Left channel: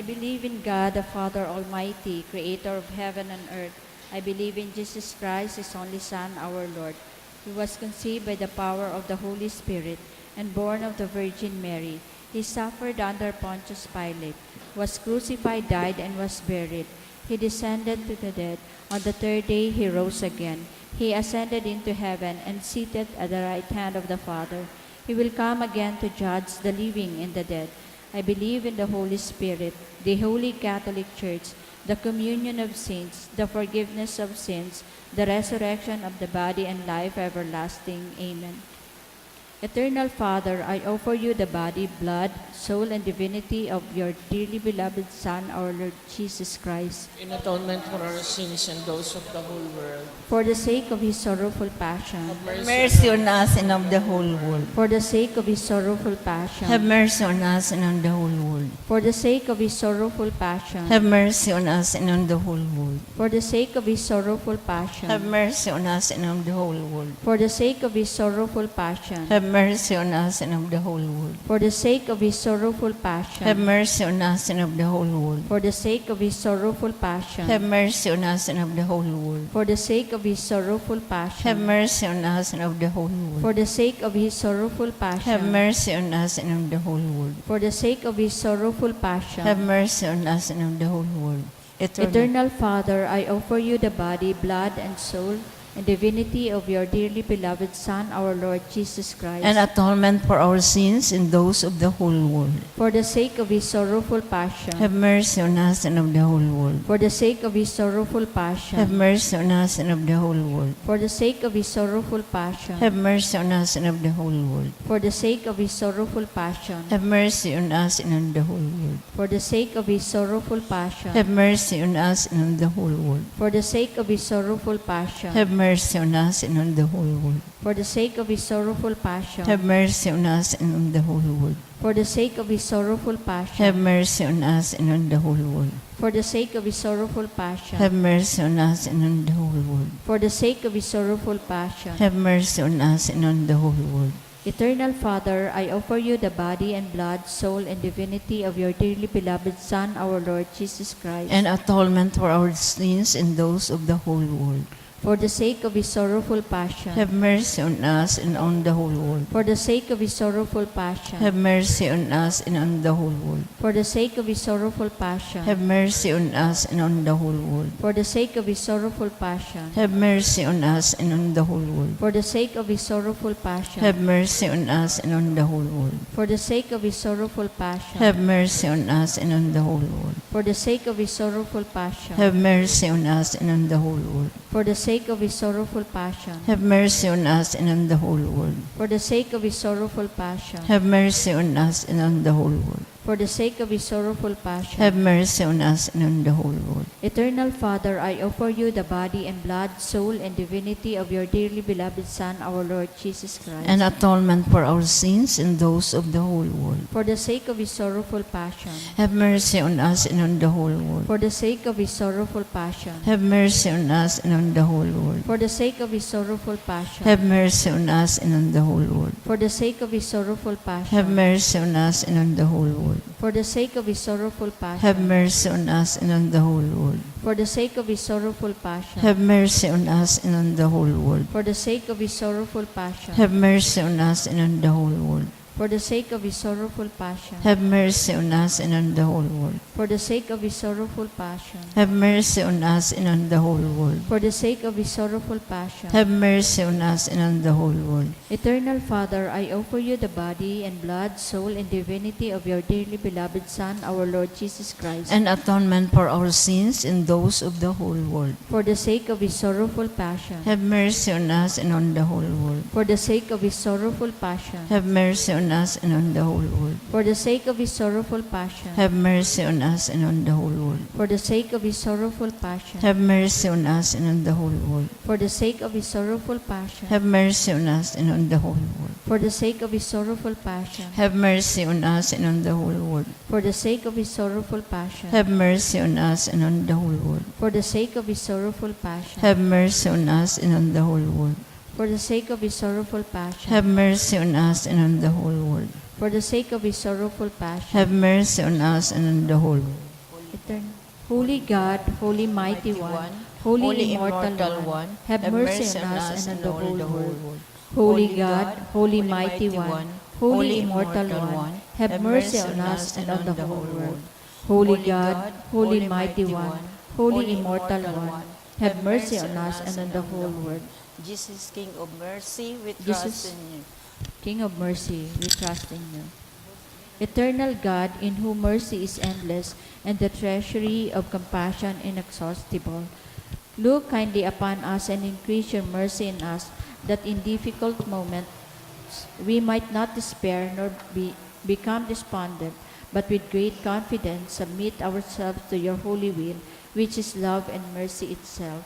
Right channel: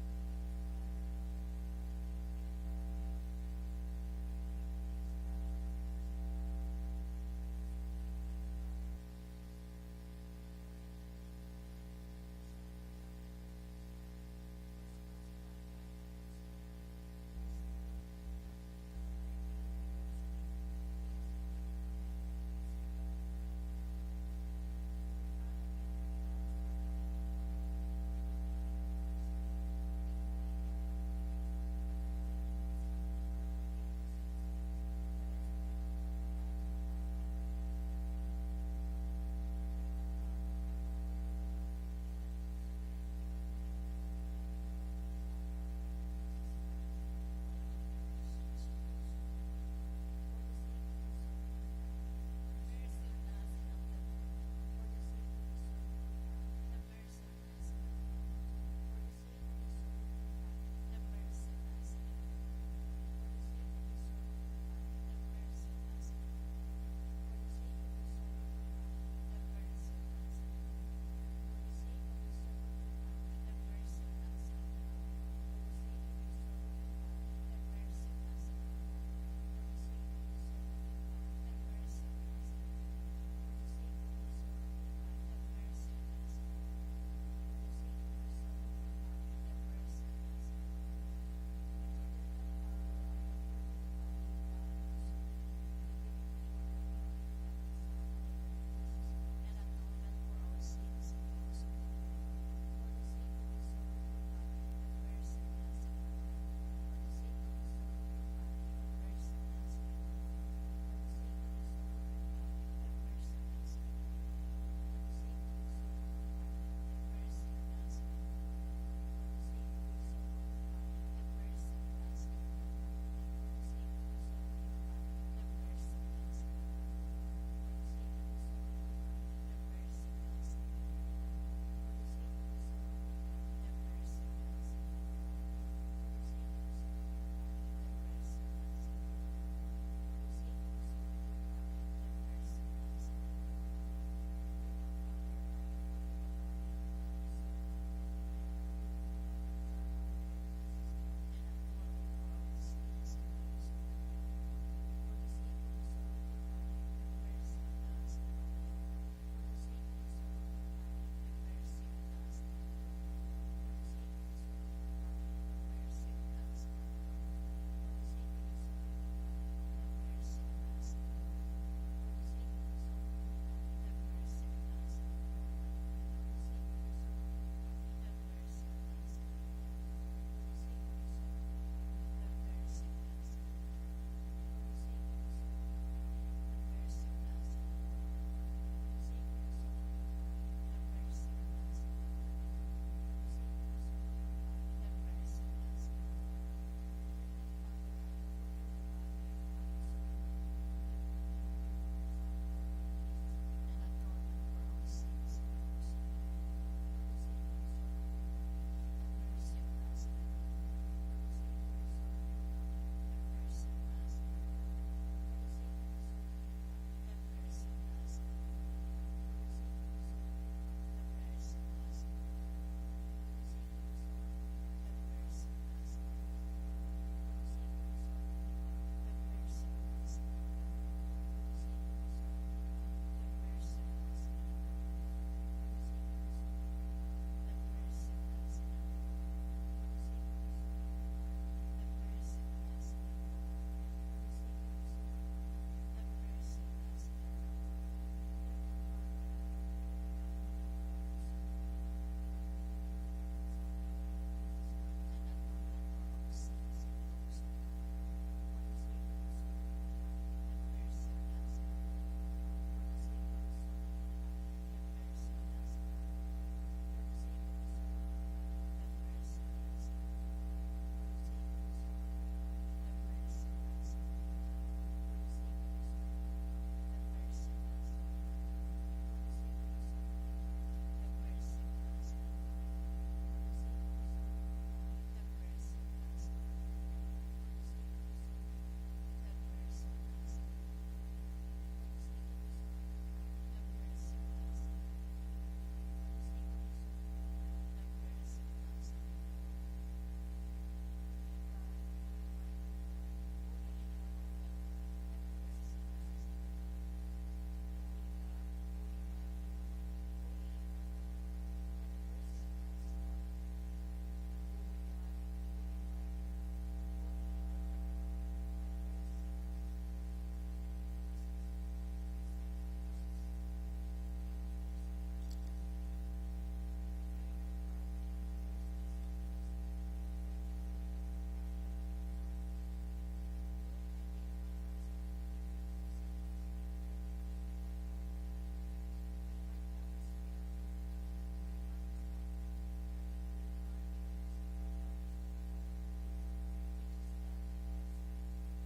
I believe in God, the Father Almighty, creator of heaven and earth. I believe in Jesus Christ, his only Son, our Lord, who was conceived by the power of the Holy Spirit and born of the Virgin Mary. He suffered under Pontius Pilate, was crucified, died, and was buried. He descended to the dead. On the third day he rose again. He ascended into heaven and seated at the right hand of the Father. He will come again to judge the living and the dead. I believe in the Holy Spirit, the Holy Catholic Church, the communion of saints, the forgiveness of sins, the resurrection of the body, and life everlasting. Amen. Eternal Father, I offer you the body, blood, soul, and divinity of your dearly beloved Son, our Lord Jesus Christ, In atonement for our sins and those of the whole world. for the sake of his sorrowful passion, Have Mercy on us and of the whole world. for the sake of his sorrowful Have passion, mercy on us and on the whole world. for the sake of his sorrowful passion, Have mercy on us and on the whole world. for the sake of his sorrowful Have passion, mercy on us and on the whole world. for the sake of his sorrowful passion, Have mercy on us and of the whole world. for the sake of his sorrowful Have passion, mercy on us and of the whole world. for the sake of his sorrowful passion, Have mercy on us and of the whole world. for the sake of his sorrowful Have passion, mercy on us and of the whole world. for the sake of his sorrowful Have passion, mercy on us and of the whole world. for the sake of his sorrowful Have passion. mercy on us and of the whole world. Eternal Father, I offer you the body, blood, and soul, and divinity of your dearly beloved Son, our Lord Jesus Christ, An atonement for our sins and those of the whole world. for the sake of his sorrowful passion, Have mercy on us and of the whole world. for the sake of his sorrowful Have passion, mercy on us and of the whole world. for the sake of his sorrowful passion, Have mercy on us and of the whole world. for the sake of his sorrowful passion, Have mercy on us and on the whole world. for the sake of his sorrowful passion, Have mercy on us and on the whole world. for the sake of his sorrowful passion, Have mercy on us and on the whole world. for the sake of his sorrowful passion, Have mercy on us and on the whole world. for the sake of his sorrowful passion, Have mercy on us and on the whole world. for the sake of his sorrowful Have passion, mercy on us and on the whole world. for the sake of his sorrowful passion. Have mercy on us and on the whole world. Eternal Father, I offer you the body and blood, soul, and divinity of your dearly beloved Son, our Lord Jesus Christ, An atonement for our sins and those of the whole world. for the sake of his sorrowful passion, Have mercy on us and on the whole world. for the sake of his sorrowful passion, Have mercy on us and on the whole world. for the sake of his sorrowful passion, Have mercy on us and on the whole world. for the sake of his sorrowful passion, Have mercy on us and on the whole world. for the sake of his sorrowful passion, Have mercy on us and on the whole world. for the sake of his sorrowful passion, Have mercy on us and on the whole world. for the sake of his sorrowful passion, Have mercy on us and on the whole world. for the sake of his sorrowful passion, Have mercy on us and on the whole world. for the sake of his sorrowful passion, Have mercy on us and on the whole world. for the sake of his sorrowful Have passion. mercy on us and on the whole world. Eternal Father, I offer you the body and blood, soul, and divinity of your dearly beloved Son, our Lord Jesus Christ, An atonement for our sins and those of the whole world. for the sake of his sorrowful passion, Have mercy on us and on the whole world. for the sake of his sorrowful passion, Have mercy on us and on the whole world. for the sake of his sorrowful passion, Have mercy on us and on the whole world. for the sake of his sorrowful Have passion, mercy on us and on the whole world. for the sake of his sorrowful Have passion, mercy on us and on the whole world. for the sake of his sorrowful passion, Have mercy on us and on the whole world. for the sake of his sorrowful passion, Have mercy on us and on the whole world. for the sake of his sorrowful passion, Have mercy on us and on the whole world. for the sake of his sorrowful passion, Have mercy on us and on the whole world. for the sake of his sorrowful passion. Have mercy on us and on the whole world. Eternal Father, I offer you the body and blood, soul, and divinity of your dearly beloved Son, our Lord Jesus Christ, An atonement for our sins and those of the whole world. for the sake of his sorrowful passion, Have mercy on us and on the whole world. for the sake of his sorrowful passion, Have mercy on us and on the whole world. for the sake of his sorrowful passion, Have mercy on us and on the whole world. for the sake of his sorrowful passion, Have mercy on us and on the whole world. for the sake of his sorrowful passion, Have mercy on us and on the whole world. for the sake of his sorrowful passion, Have mercy on us and on the whole world. for the sake of his sorrowful passion, Have mercy on us and on the whole world. for the sake of his sorrowful passion, Have mercy on us and on the whole world. for the sake of his sorrowful passion, Have mercy on us and on the whole world. for the sake of his sorrowful passion, Have mercy on us and on the whole world. Holy God, Holy Mighty One, Holy Immortal One, have mercy on us and on the whole world. Holy God, Holy Mighty One, Holy Immortal One, have mercy on us and on the whole world. Holy God, Holy Mighty One, Holy Immortal One, have mercy on us and on the whole world. Jesus, King of mercy, we Jesus, trust in you. King of mercy, we trust in you. Eternal God, in whom mercy is endless and the treasury of compassion inexhaustible, look kindly upon us and increase your mercy in us, that in difficult moments we might not despair nor become despondent, but with great confidence submit ourselves to your holy will, which is love and mercy itself.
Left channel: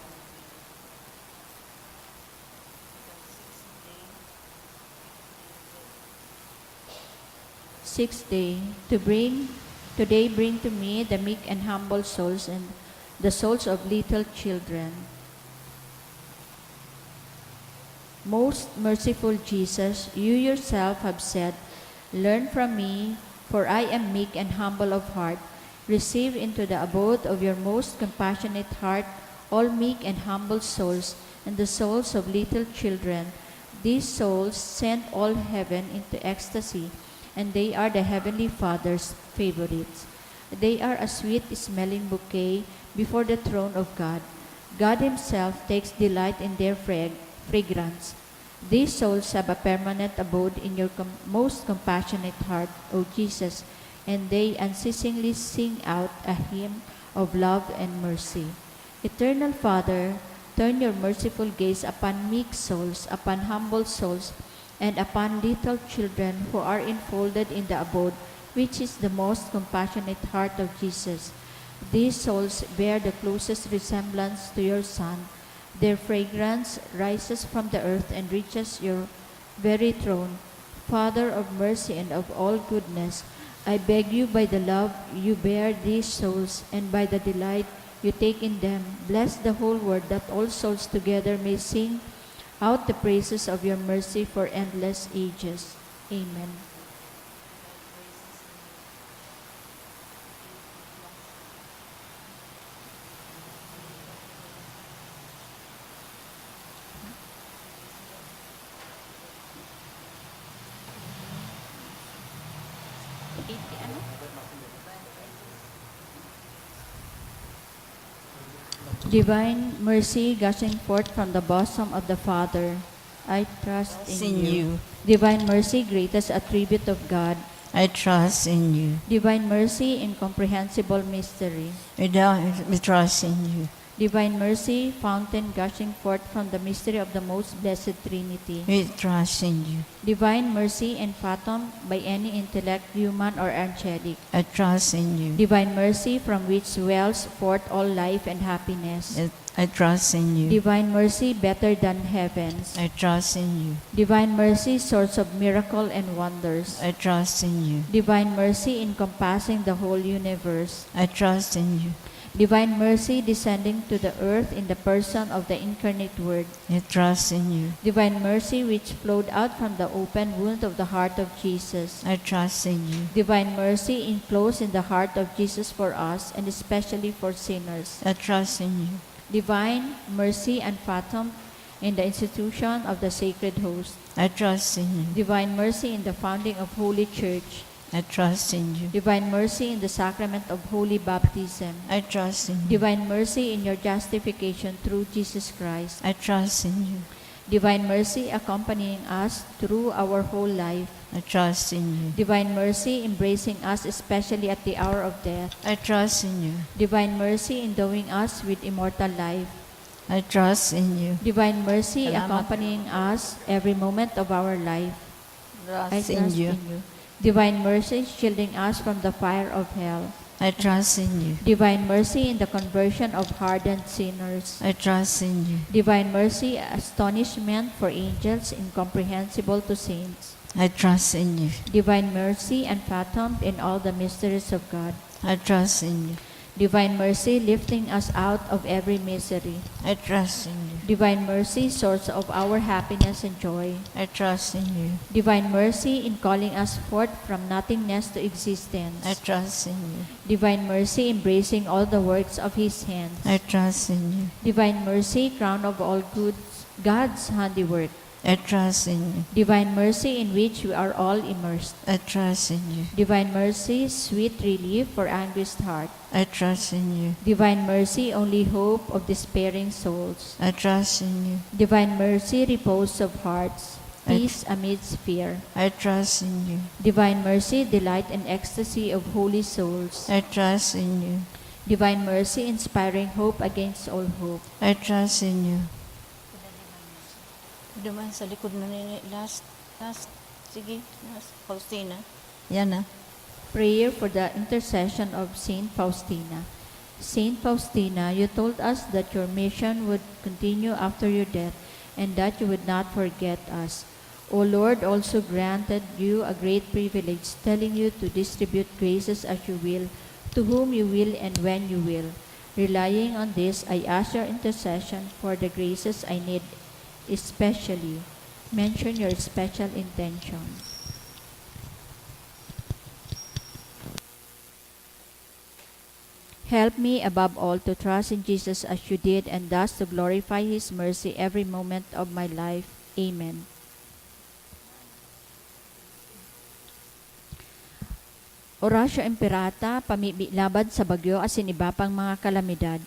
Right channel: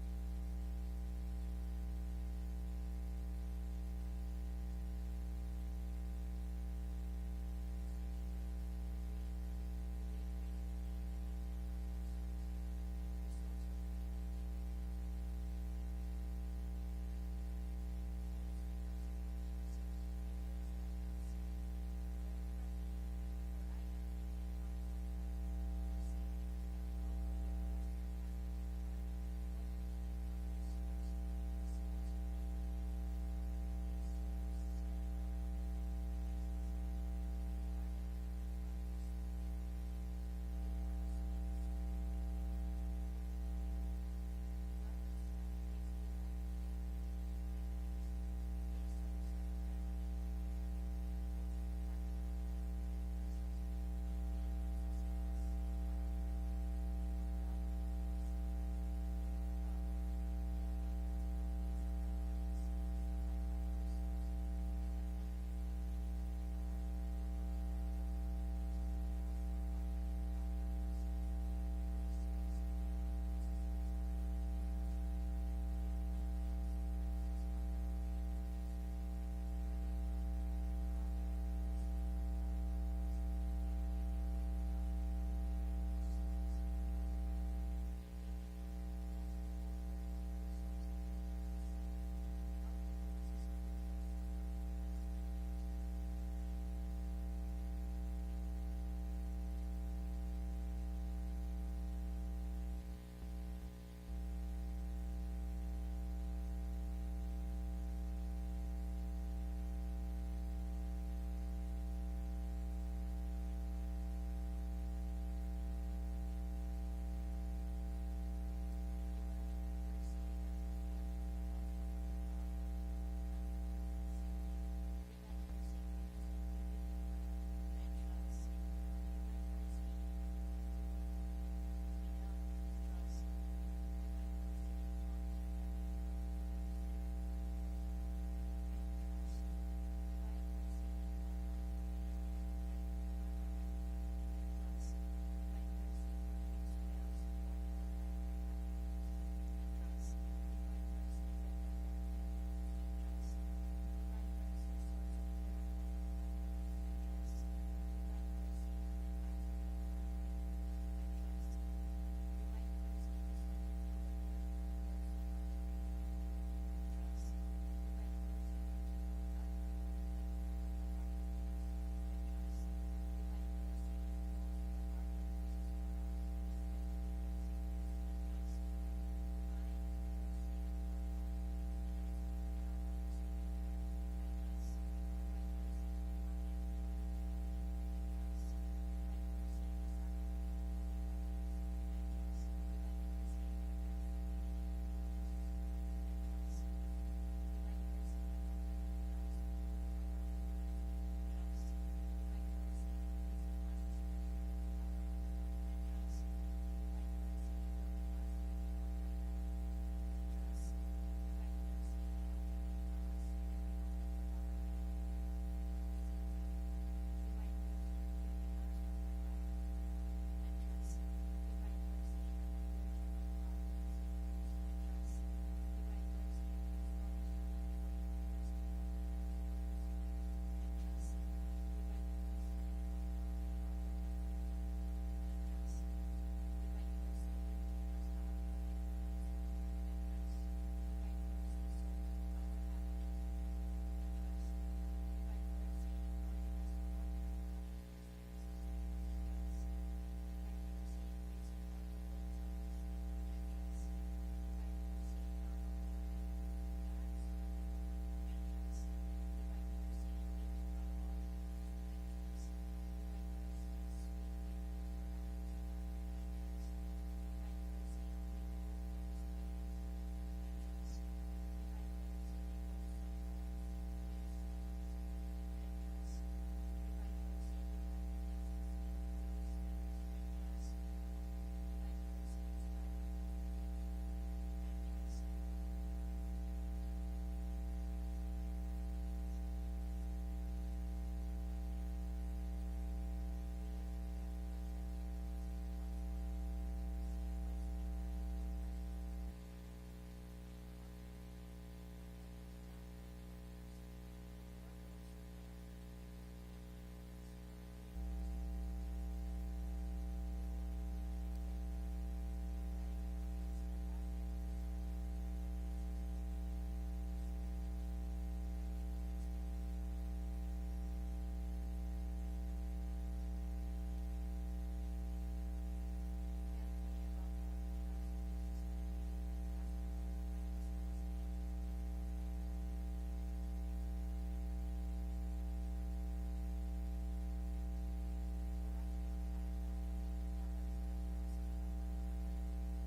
Sixth day, today bring to me the meek and humble souls and the souls of little children. Most merciful Jesus, you yourself have said, learn from me, for I am meek and humble of heart. Receive into the abode of your most compassionate heart all meek and humble souls and the souls of little children. These souls sent all heaven into ecstasy, and they are the Heavenly Father's favorites. They are a sweet-smelling bouquet before the throne of God. God Himself takes delight in their fragrance. These souls have a permanent abode in your most compassionate heart, O Jesus, and they unceasingly sing out a hymn of love and mercy. Eternal Father, turn your merciful gaze upon meek souls, upon humble souls, and upon little children who are enfolded in the abode, which is the most compassionate heart of Jesus. These souls bear the closest resemblance to your Son. Their fragrance rises from the earth and reaches your very throne. Father of mercy and of all goodness, I beg you by the love you bear these souls and by the delight you take in them, bless the whole world that all souls together may sing out the praises of your mercy for endless ages. Amen. Divine mercy gushing forth from the bosom of the Father, I trust in you. Divine mercy, greatest attribute of God. I trust in you. Divine mercy, incomprehensible mystery. We trust in you. Divine mercy, fountain gushing forth from the mystery of the most blessed Trinity. We trust in you. Divine mercy, unfathomed by any intellect, human or angelic. I trust in you. Divine mercy, from which wells forth all life and happiness. I trust in you. Divine mercy, better than heavens. I trust in you. Divine mercy, source of miracle and wonders. I trust in you. Divine mercy, encompassing the whole universe. I trust in you. Divine mercy, descending to the earth in the person of the incarnate Word. I trust in you. Divine mercy, which flowed out from the open wound of the heart of Jesus. I trust in you. Divine mercy, enclosed in the heart of Jesus for us, and especially for sinners. I trust in you. Divine mercy, unfathomed in the institution of the sacred host. I trust in you. Divine mercy in the founding of Holy Church. I trust in you. Divine mercy in the sacrament of holy baptism. I trust in you. Divine mercy in your justification through Jesus Christ. I trust in you. Divine mercy accompanying us through our whole life. I trust in you. Divine mercy embracing us especially at the hour of death. I trust in you. Divine mercy endowing us with immortal life. I trust in you. Divine mercy Salamat. accompanying us every moment of our life. I Trust in trust you. in you. Divine mercy shielding us from the fire of hell. I trust in you. Divine mercy in the conversion of hardened sinners. I trust in you. Divine mercy, astonishment for angels, incomprehensible to saints. I trust in you. Divine mercy, unfathomed in all the mysteries of God. I trust in you. Divine mercy, lifting us out of every misery. I trust in you. Divine mercy, source of our happiness and joy. I trust in you. Divine mercy, in calling us forth from nothingness to existence. I trust in you. Divine mercy, embracing all the works of His hands. I trust in you. Divine mercy, crown of all goods, God's handiwork. I trust in you. Divine mercy, in which we are all immersed. I trust in you. Divine mercy, sweet relief for anguished heart. I trust in you. Divine mercy, only hope of despairing souls. I trust in you. Divine mercy, repose of hearts, I peace amidst fear. I trust in you. Divine mercy, delight and ecstasy of holy souls. I trust in you. Divine mercy, inspiring hope against all hope. I trust in you. Duman sa likod na nini. Last. Sige, last. Faustina. Yan na. Prayer for the intercession of Saint Faustina. Saint Faustina, you told us that your mission would continue after your death and that you would not forget us. O Lord, also granted you a great privilege, telling you to distribute graces as you will, to whom you will and when you will. Relying on this, I ask your intercession for the graces I need, especially. Mention your special intention. Help me above all to trust in Jesus as you did, and thus to glorify His mercy every moment of my life. Amen. Orasyo Imperata, pamibilabad sa bagyo asin iba pang mga kalamidad.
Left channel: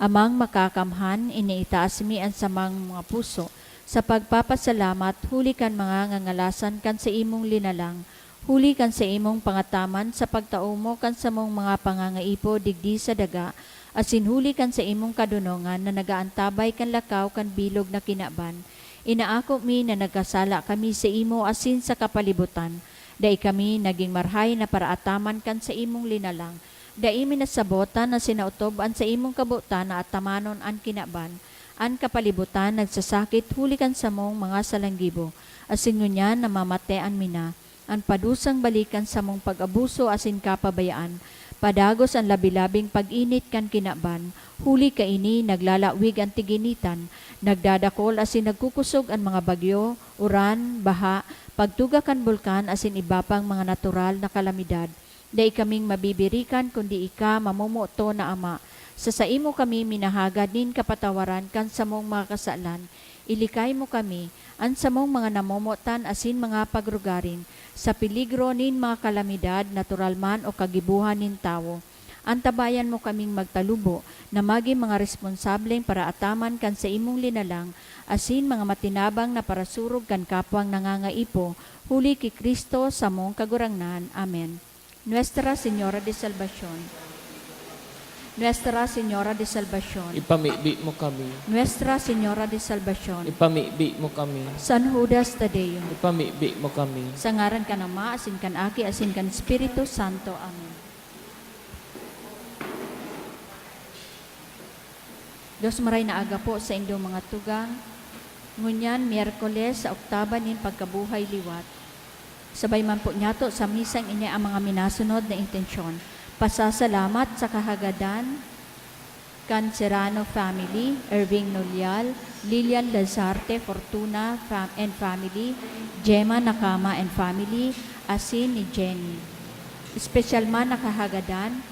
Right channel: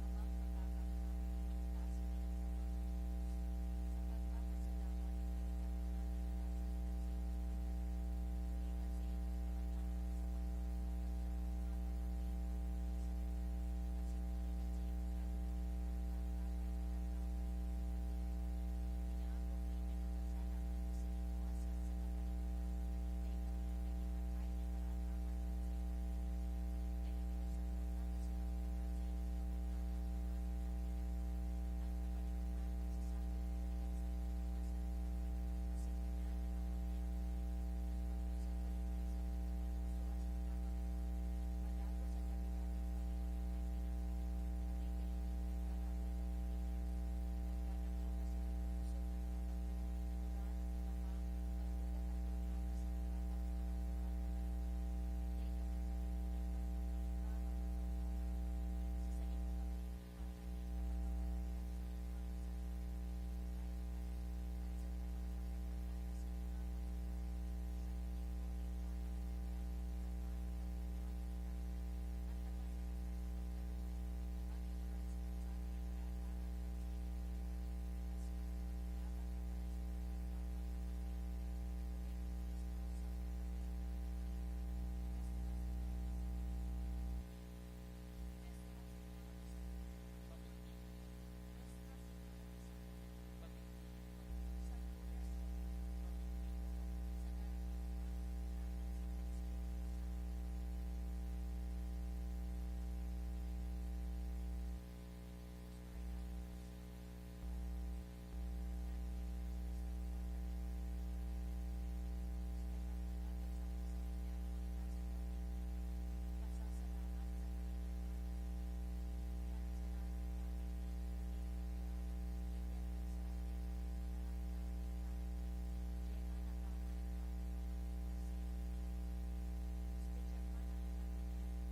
Amang makakamhan, iniitaas mi ang samang mga puso. Sa pagpapasalamat, huli kan mga ngangalasan kan sa imong linalang. Huli kan sa imong pangataman sa pagtaumo kan sa mong mga pangangaipo digdi sa daga, asin huli kan sa imong kadunongan na nagaantabay kan lakaw kan bilog na kinaban. Inaako mi na nagkasala kami sa imo asin sa kapalibutan. Dai kami naging marhay na paraataman kan sa imong linalang. Dai mi nasabotan na sinautob an sa imong kabutan na atamanon an kinaban. An kapalibutan nagsasakit huli kan sa mong mga salanggibo. Asin ngunyan na mamatean mi na. Ang padusang balikan sa mong pag-abuso asin kapabayaan, padagos ang labilabing pag-init kan kinaban, huli ka ini naglalawig ang tiginitan, nagdadakol asin nagkukusog ang mga bagyo, uran, baha, pagtuga kan bulkan asin iba pang mga natural na kalamidad. Dai kaming mabibirikan kundi ika mamumuto na Ama. Sa imo kami minahagad nin kapatawaran kan sa mong mga kasalan, ilikay mo kami, an sa mong mga namumutan asin mga pagrugarin, sa peligro nin mga kalamidad, natural man o kagibuhan nin tao. Antabayan mo kaming magtalubo na magi mga responsableng para ataman kan sa imong linalang, asin mga matinabang na parasurog kan kapwang nangangaipo, huli ki Kristo sa mong kagurangnan. Amen. Nuestra Señora de Salvación. Nuestra Señora de Salvación. Ipamibi mo kami. Nuestra Señora de Salvación. Ipamibi mo kami. San Judas Tadeo. Ipamibi mo kami. Sa ngaran ka ng Ama, asin kan Aki, asin kan Espiritu Santo. Amen. Diyos maray na aga po sa inyong mga tugang. Ngunyan, Miyerkules, sa oktaba nin pagkabuhay liwat. Sabay man po nyato sa misang ini ang mga minasunod na intensyon. Pasasalamat sa kahagadan kan Serrano family, Irving Nolial, Lilian Lazarte Fortuna and family, Gemma Nakama and family, asin ni Jenny. Special man na kahagadan,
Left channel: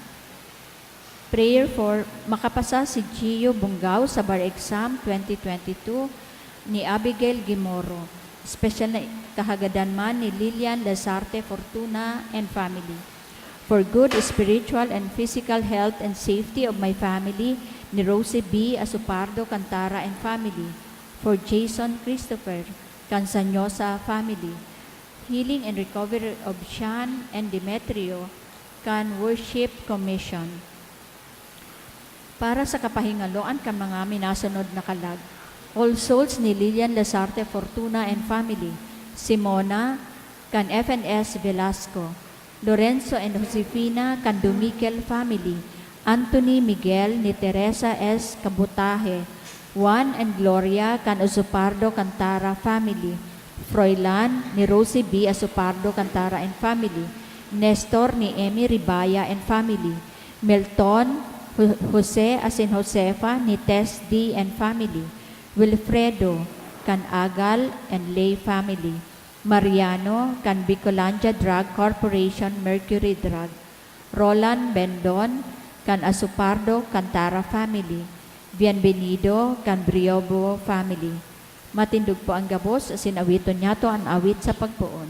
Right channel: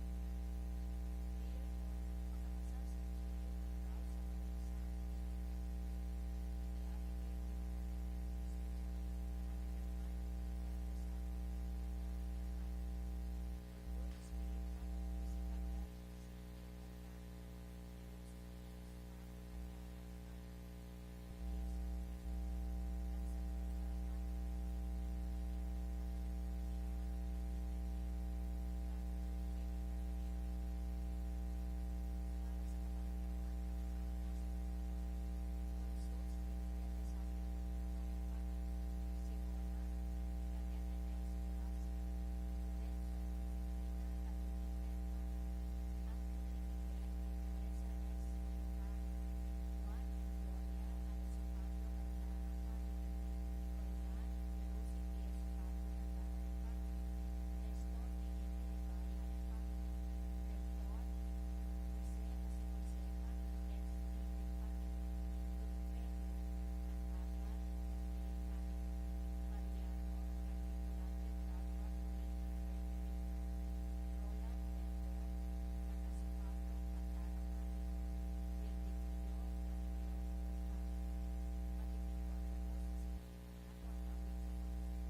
prayer for makapasa si Gio Bungaw sa bar exam 2022 ni Abigail Gimoro. Special na kahagadan man ni Lilian Lazarte Fortuna and family. For good spiritual and physical health and safety of my family, ni Rosie B. Asupardo Cantara and family. For Jason Christopher Cansanyosa family. Healing and recovery of Sean and Demetrio Can Worship Commission. Para sa kapahingaloan kan mga minasunod na kalag. All souls ni Lilian Lazarte Fortuna and family. Simona Can FNS Velasco. Lorenzo and Josefina Candumiquel family, Anthony Miguel ni Teresa S. Cabutaje, Juan and Gloria Can Usupardo Cantara family, Froilan ni Rosie B. Asupardo Cantara and family, Nestor ni Emi Ribaya and family, Melton Jose as in Josefa, ni Tess D. and family, Wilfredo, kan Agal and Lay family, Mariano, kan Bicolandia Drug Corporation, Mercury Drug, Roland Bendon, kan Asupardo, Cantara family, Bienvenido, kan Briobo family. Matindog po ang gabos, asin awiton niya to ang awit sa pagpuon.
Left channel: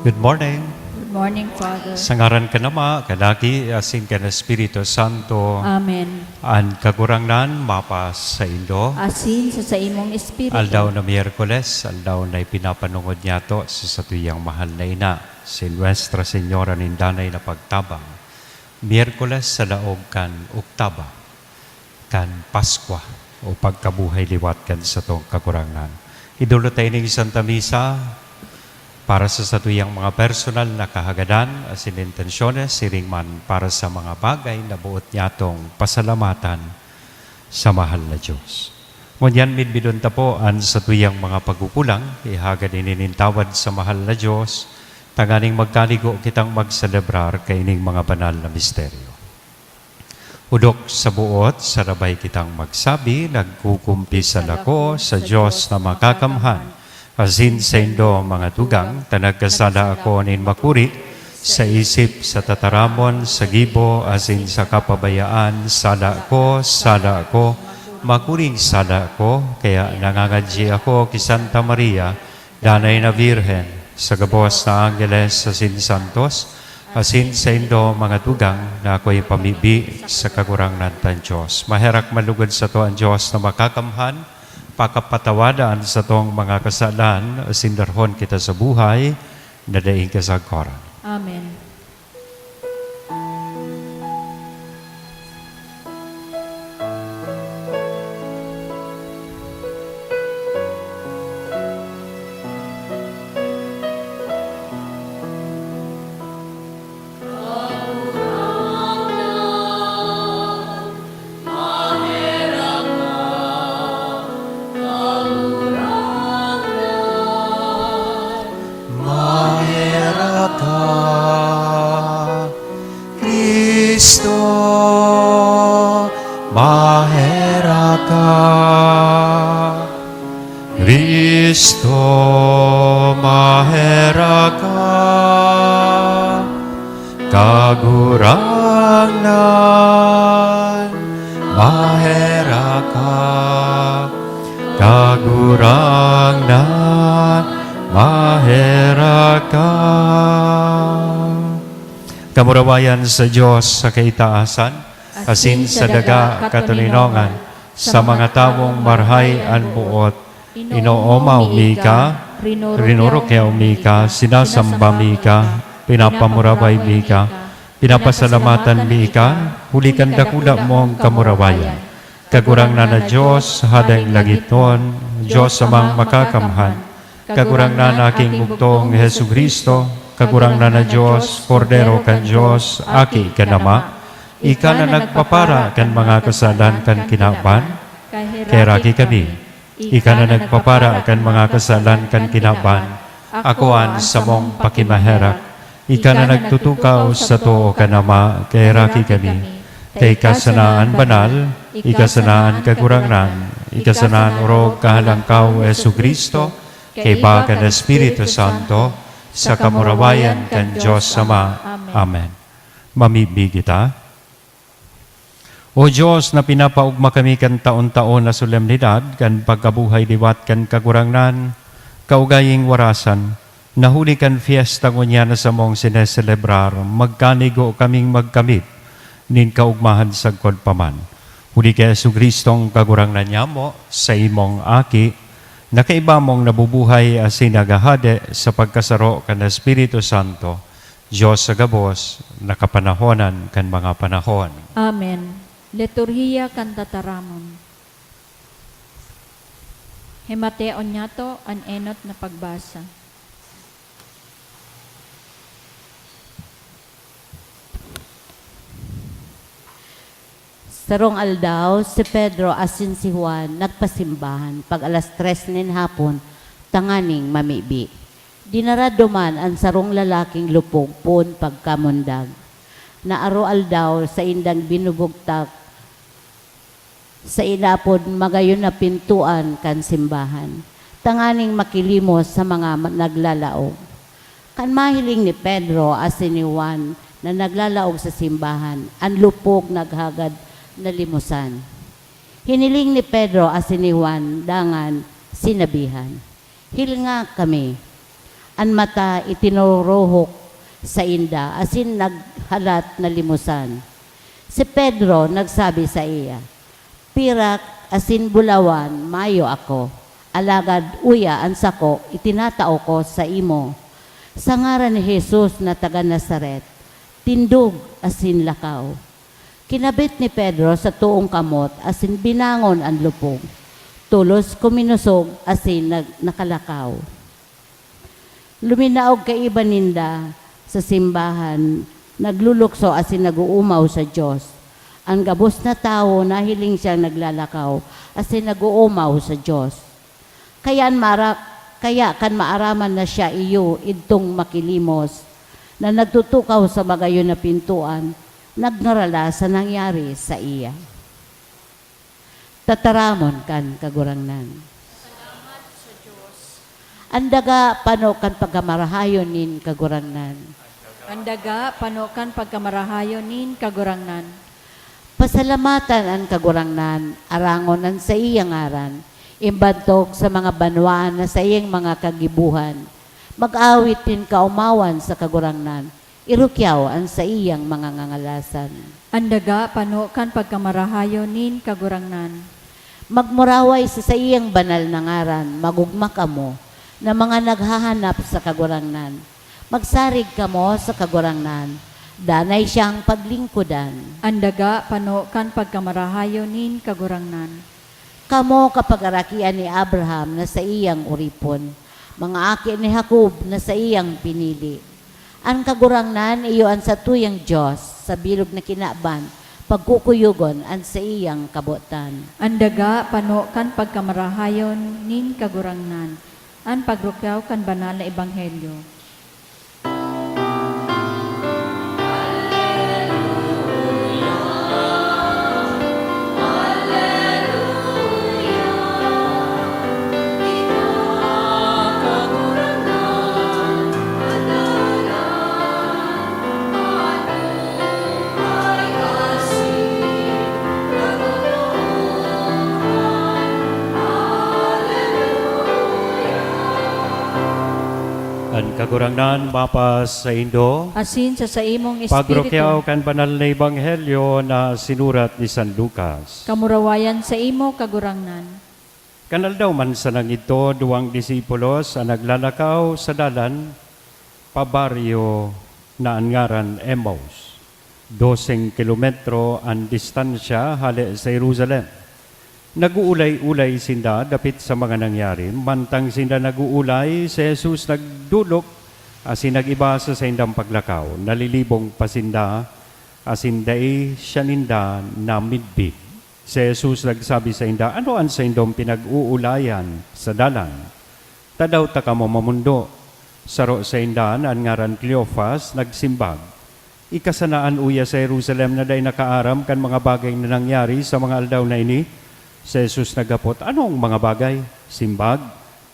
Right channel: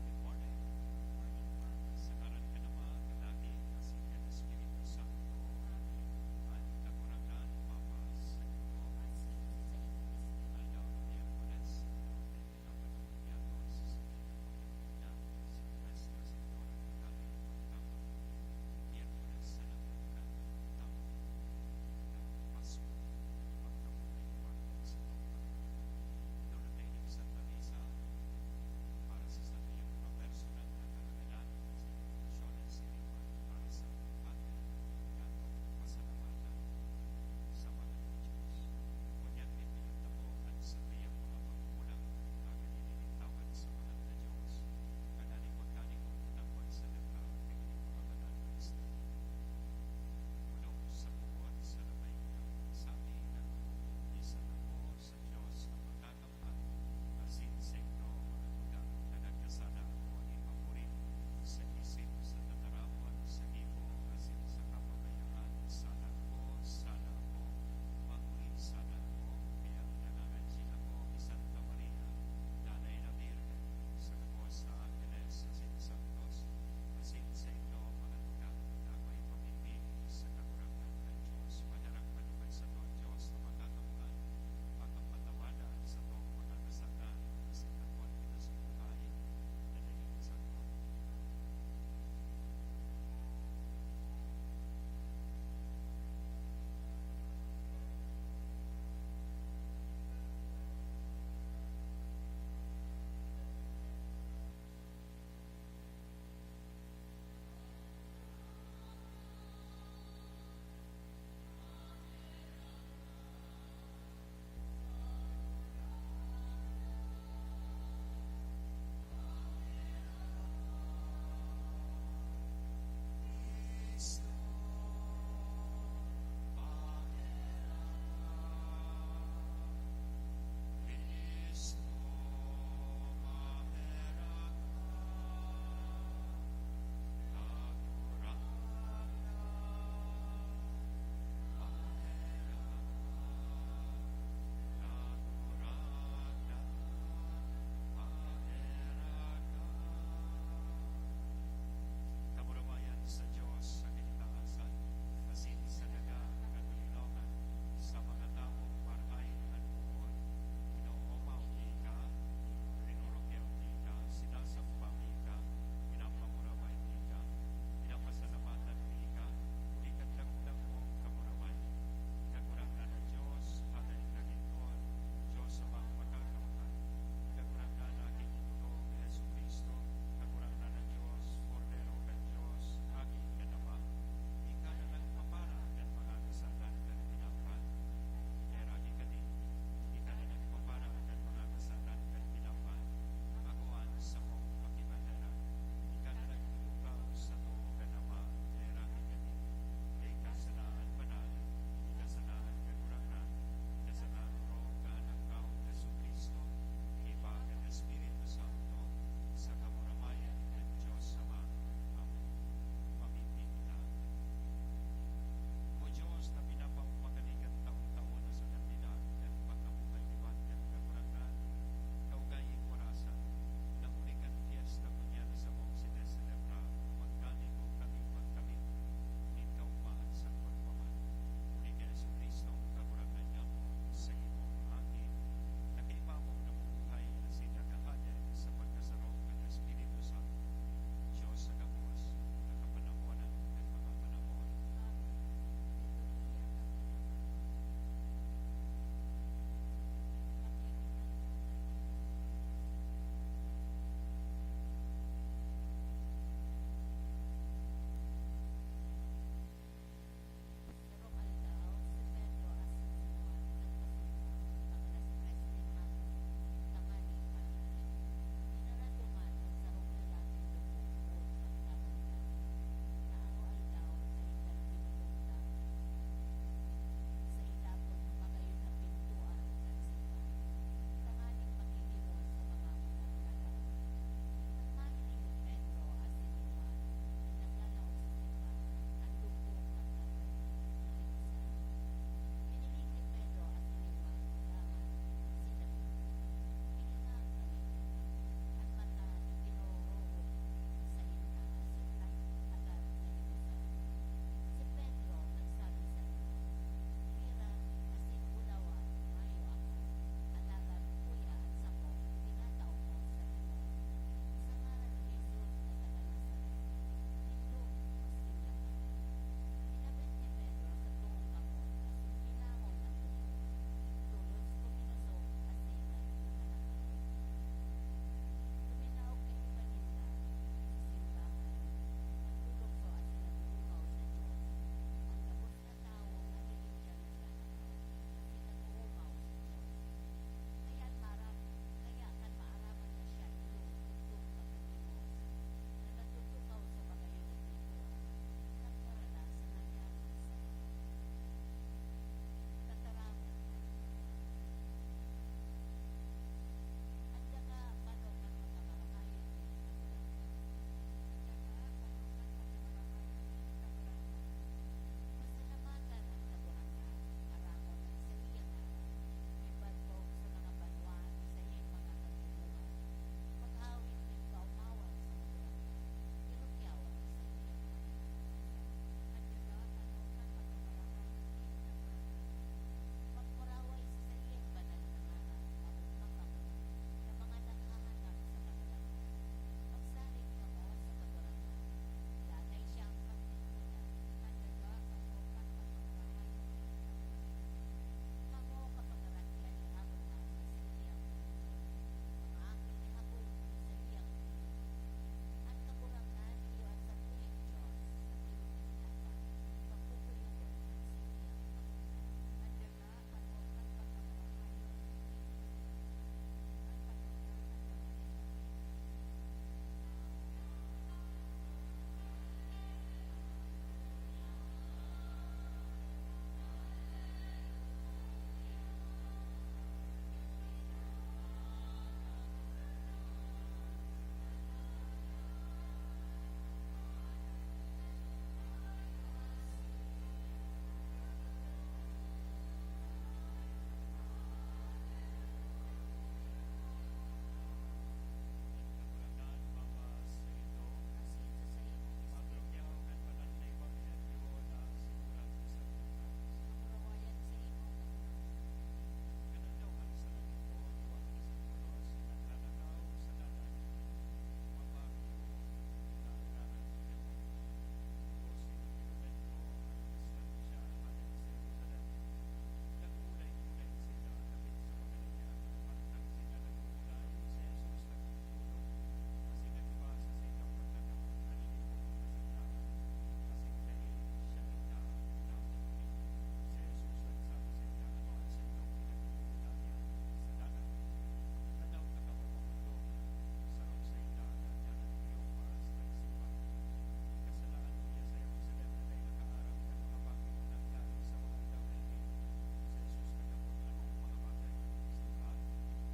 Good morning. Good morning, Father. Sa ngaran ka nama, kadaki, asin ka na Espiritu Santo, Amen. an kagurangnan, mapas sa Indo. Asin sa imong espiritu. Aldaw na Miyerkules, aldaw na ipinapanungod niya to sa satuyang mahal na ina, si Nuestra Señora Nindanay na pagtabang. Miyerkules sa laog kan Oktaba, kan Paskwa, o pagkabuhay liwat kan sa tong kagurangnan. Idulot tayo ng Santa Misa, para sa satuyang mga personal na kahagadan as in intensyones, siring man para sa mga bagay na buot niyatong pasalamatan sa mahal na Diyos. Ngunyan midbidon ta po ang satuyang mga pagkukulang, ihagad ininintawad sa mahal na Diyos, tanganing magkaligo kitang magselebrar kaining mga banal na misteryo. Udok sa buot, sarabay kitang magsabi, nagkukumpisal ako sa Diyos na makakamhan, asin sa Indo mga tugang, tanagkasala ako nin makuri, sa isip, sa tataramon, sa gibo, asin sa kapabayaan, sala ko, makuring sala ko, kaya nangangadji ako kay Santa Maria, Danay na Virhen, sa gabos na Angeles, asin Santos, asin sa Indo mga tugang, na ako'y pamibi sa kagurangnan tan Diyos. Maherak malugod sa to ang Diyos na makakamhan, pakapatawadaan sa tong mga kasalan, sindarhon kita sa buhay, nadaing kasagkoran. Amen. Kristo, mahera ka, kagurangnan, mahera ka, kagurangnan, mahera ka. Kamurawayan sa Diyos sa kaitaasan, asin sa daga katulinongan, sa mga tawong marhay an buot, inooma umika, rinurukya umika, sinasamba mika, pinapamuraway mika, pinapasalamatan mika, hulikan dakula mong kamurawayan. Kagurangnan na Diyos, hadang lagiton, Diyos amang makakamhan, kagurangnan na aking bugtong Hesu Kristo, kagurangnan na Diyos, Kordero kan Diyos, aki kanama, ika na nagpapara kan mga kasalan kan kinaban, keraki kami. Ika na nagpapara kan mga kasalan kan kinaban, akuan sa mong pakimaherak. Ika na nagtutukaw sa too kanama, keraki kami. Kay kasanaan banal, ikasanaan kagurangnan, ikasanaan orog kahalangkaw Yesu Kristo, kay bakan Espiritu Santo, sa kamurawayan kan Diyos Ama. Amen. Mamibig kita. O Diyos na pinapaugma kami kan taon-taon na solemnidad, kan pagkabuhay liwat kan kagurangnan, kaugaying warasan, nahuli kan fiesta ngunya na sa mong sineselebrar, magkanigo kaming magkamit, nin kaugmahan sa paman. Huli kay Yesu Kristong kagurangnan niya mo, sa imong aki, Nakaiba mong nabubuhay asin nagahade sa pagkasaro kan Espiritu Santo, Diyos sa gabos, nakapanahonan kan mga panahon. Amen. Liturhiya kan tataramon. Himateon niya to an enot na pagbasa. Sarong aldaw, si Pedro asin si Juan nagpasimbahan pag alas 3 nin hapon, tanganing mamibi. Dinaraduman ang sarong lalaking lupog pun pagkamundag. Naaro aldaw sa indang binubugtak sa inapod magayon na pintuan kan simbahan. Tanganing makilimos sa mga naglalaog. Kan mahiling ni Pedro asin ni Juan na naglalaog sa simbahan, ang lupog naghagad na limusan. Hiniling ni Pedro asin ni Juan dangan sinabihan, "Hilnga kami." An mata itinuruhok sa inda asin naghalat na limusan. Si Pedro nagsabi sa iya, "Pirak asin bulawan mayo ako, alagad uya ang sako itinatao ko sa imo. Sa ngaran ni Jesus na taga Nazaret, tindog asin lakaw." Kinabit ni Pedro sa tuong kamot asin binangon ang lupog. Tulos kuminusog asin nakalakaw. Luminaog kay iba ninda sa simbahan, naglulukso asin naguumaw sa Diyos. Ang gabos na tao nahiling siyang naglalakaw asin naguumaw sa Diyos. Kaya kan maaraman na siya iyo idtong makilimos na nagtutukaw sa magayon na pintuan, nagnarala sa nangyari sa iya. Tataramon kan kagurangnan. Salamat sa Diyos. Andaga panokan pagkamarahayon nin kagurangnan. Andaga panokan pagkamarahayon nin kagurangnan. Pasalamatan ang kagurangnan, arangon ang sa iyang aran, imbantog sa mga banwaan na sa iyang mga kagibuhan. Mag-awit din kaumawan sa kagurangnan, irukyaw ang sa iyang mga ngangalasan. Andaga panokan pagkamarahayon nin kagurangnan. Magmuraway sa iyang banal na ngaran, magugma kamo, na mga naghahanap sa kagurangnan. Magsarig kamo sa kagurangnan, danay siyang paglingkudan. Andaga panokan pagkamarahayon nin kagurangnan. Kamo kapag-arakian ni Abraham na sa iyang uripon, mga aki ni Jacob na sa iyang pinili. Ang kagurangnan iyo ang sa tuyang Diyos, sa bilog na kinaban, pagkukuyugon ang sa iyang kabutan. Andaga panokan pagkamarahayon nin kagurangnan. An pagrukyaw kan banal na ebanghelyo. Ang kagurangnan mapas sa Indo, Asin sa imong pagrokyaw espiritu, kan banal na ebanghelyo na sinurat ni San Lucas. kamurawayan sa imo kagurangnan. Kanal daw man sa nang ito, duwang disipulos ang naglalakaw sa dalan, pabaryo na ang ngaran Emmaus. 12 kilometro ang distansya hali sa Jerusalem. Naguulay-ulay sinda dapit sa mga nangyari, mantang sinda naguulay, si Jesus nagdulok, asin nagiba sa indang paglakaw, nalilibong pasinda, asin dai siya ninda na midbit. Si Jesus nagsabi sa inda, "Ano ang sa indong pinag-uulayan sa dalan? Tadaw ta ka mo mamundo." Saro sa indan, ang ngaran Cleophas, nagsimbag. Ikasanaan uya sa Jerusalem na day nakaaram kan mga bagay na nangyari sa mga aldaw na ini. Si Jesus nagapot, "Anong mga bagay?" Simbag,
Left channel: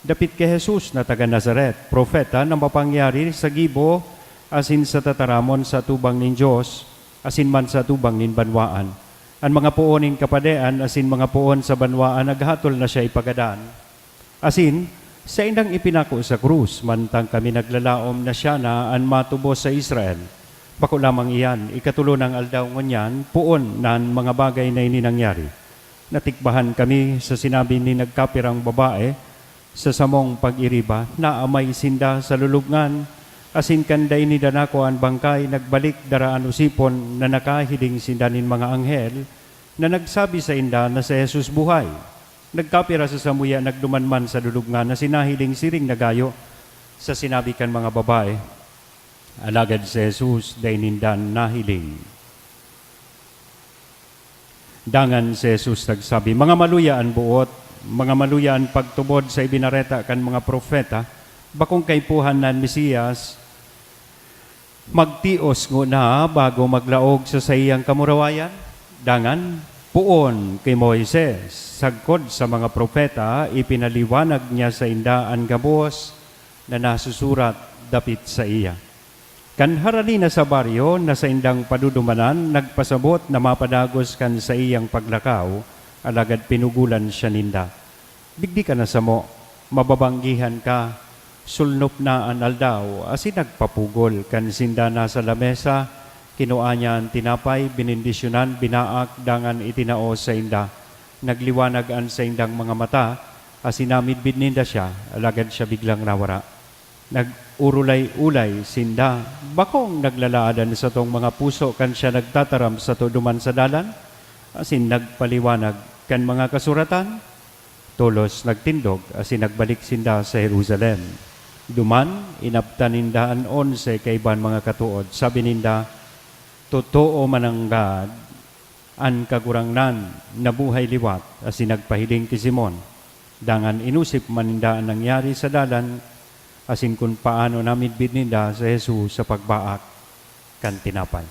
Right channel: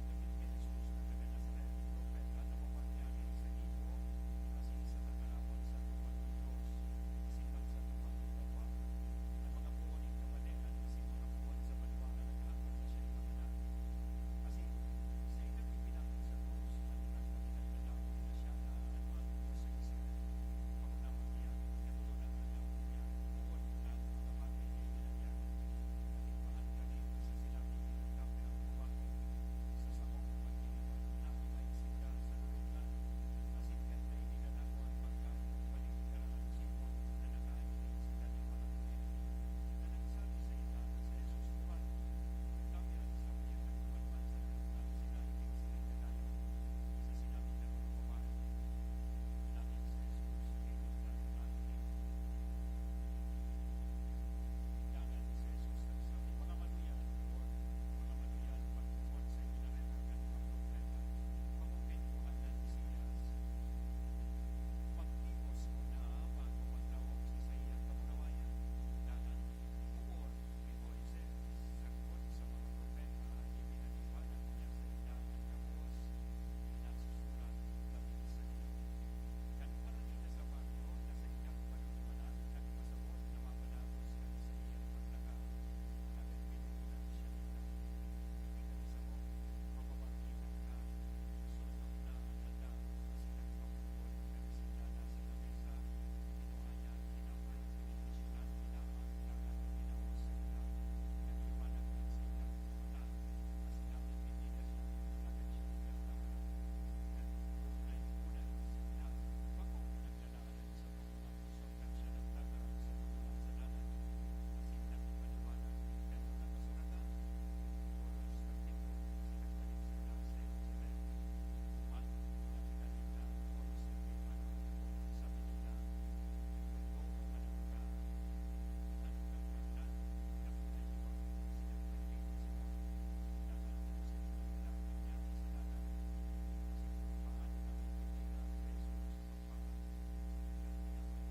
dapit kay Jesus na taga Nazaret, propeta na mapangyari sa gibo, asin sa tataramon sa tubang nin Diyos, asin man sa tubang nin banwaan. Ang mga puon nin kapadean, asin mga puon sa banwaan, naghatol na siya ipagadaan. Asin, sa indang ipinako sa krus, mantang kami naglalaom na siya na ang matubos sa Israel. Bako lamang iyan, ikatulo ng aldaw ngunyan, puon na ang mga bagay na ini nangyari. Natikbahan kami sa sinabi ni nagkapirang babae, Sa samong pag-iriba, naamay sinda sa lulubngan, asin kanday ni danako ang bangkay, nagbalik daraan usipon na nakahiling sinda nin mga anghel, na nagsabi sa inda na si Jesus buhay. Nagkapira sa samuya, nagdumanman sa lulubngan na sinahiling siring nagayo sa sinabi kan mga babae. Alagad si Jesus, daynindan nahiling. Dangan si Jesus nagsabi, mga maluyaan buot, mga maluyaan pagtubod sa ibinareta kan mga profeta, bakong kaipuhan nan Mesiyas, magtios ngo na bago maglaog sa sayang kamurawayan. Dangan, puon kay Moises, sagkod sa mga propeta, ipinaliwanag niya sa inda ang gabos na nasusurat dapit sa iya. Kanharali na sa baryo na sa indang padudumanan, nagpasabot na mapadagos kan sa iyang paglakaw, alagad pinugulan siya ninda. Digdi ka na sa mo, mababanggihan ka, sulnop na an aldaw, asin nagpapugol kan sinda na sa lamesa, kinuha niya ang tinapay, binindisyonan, binaak, dangan itinao sa inda. Nagliwanag an sa indang mga mata, asinamidbid ninda siya, alagad siya biglang nawara. Nag-urulay-ulay sinda, bakong naglalaadan sa tong mga puso kan siya nagtataram sa tuduman sa dalan, asin nagpaliwanag kan mga kasuratan, tulos nagtindog, asin nagbalik sinda sa Jerusalem. Duman, inaptan ninda an 11 kaiban mga katuod, sabi ninda, totoo mananggad an kagurangnan na buhay liwat, asin nagpahiling ki Simon. Dangan inusip maninda ang nangyari sa dalan, asin kung paano namidbid ninda sa Jesus sa pagbaak kan tinapay.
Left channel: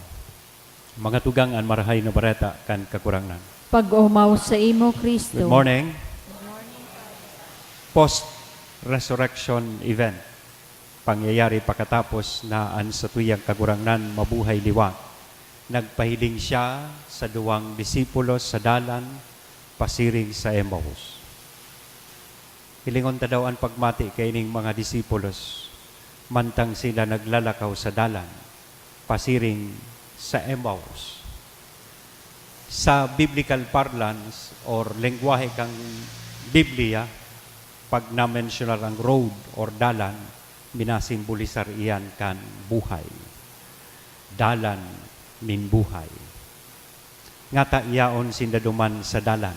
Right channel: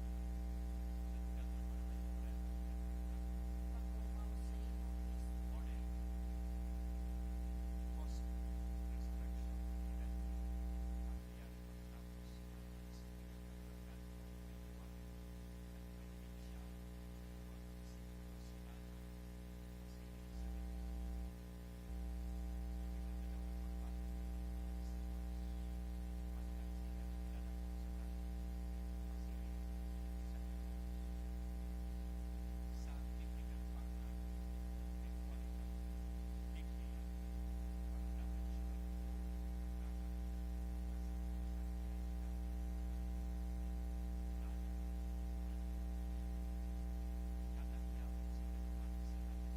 Mga tugang an marahay na bareta kan kakurangnan. Pag-umaw sa imo, Kristo. Good morning. Post-resurrection event. Pangyayari pagkatapos na an sa tuyang kagurangnan mabuhay liwat. Nagpahiling siya sa duwang disipulos sa dalan, pasiring sa Emmaus. Hilingon ta daw ang pagmati kay ning mga disipulos, mantang sila naglalakaw sa dalan, pasiring sa Emmaus. Sa biblical parlance or lengguwahe kang Biblia, pag na-mentionar ang road or dalan, binasimbolisar iyan kan buhay. Dalan min buhay. Ngata iyaon sinda duman sa dalan.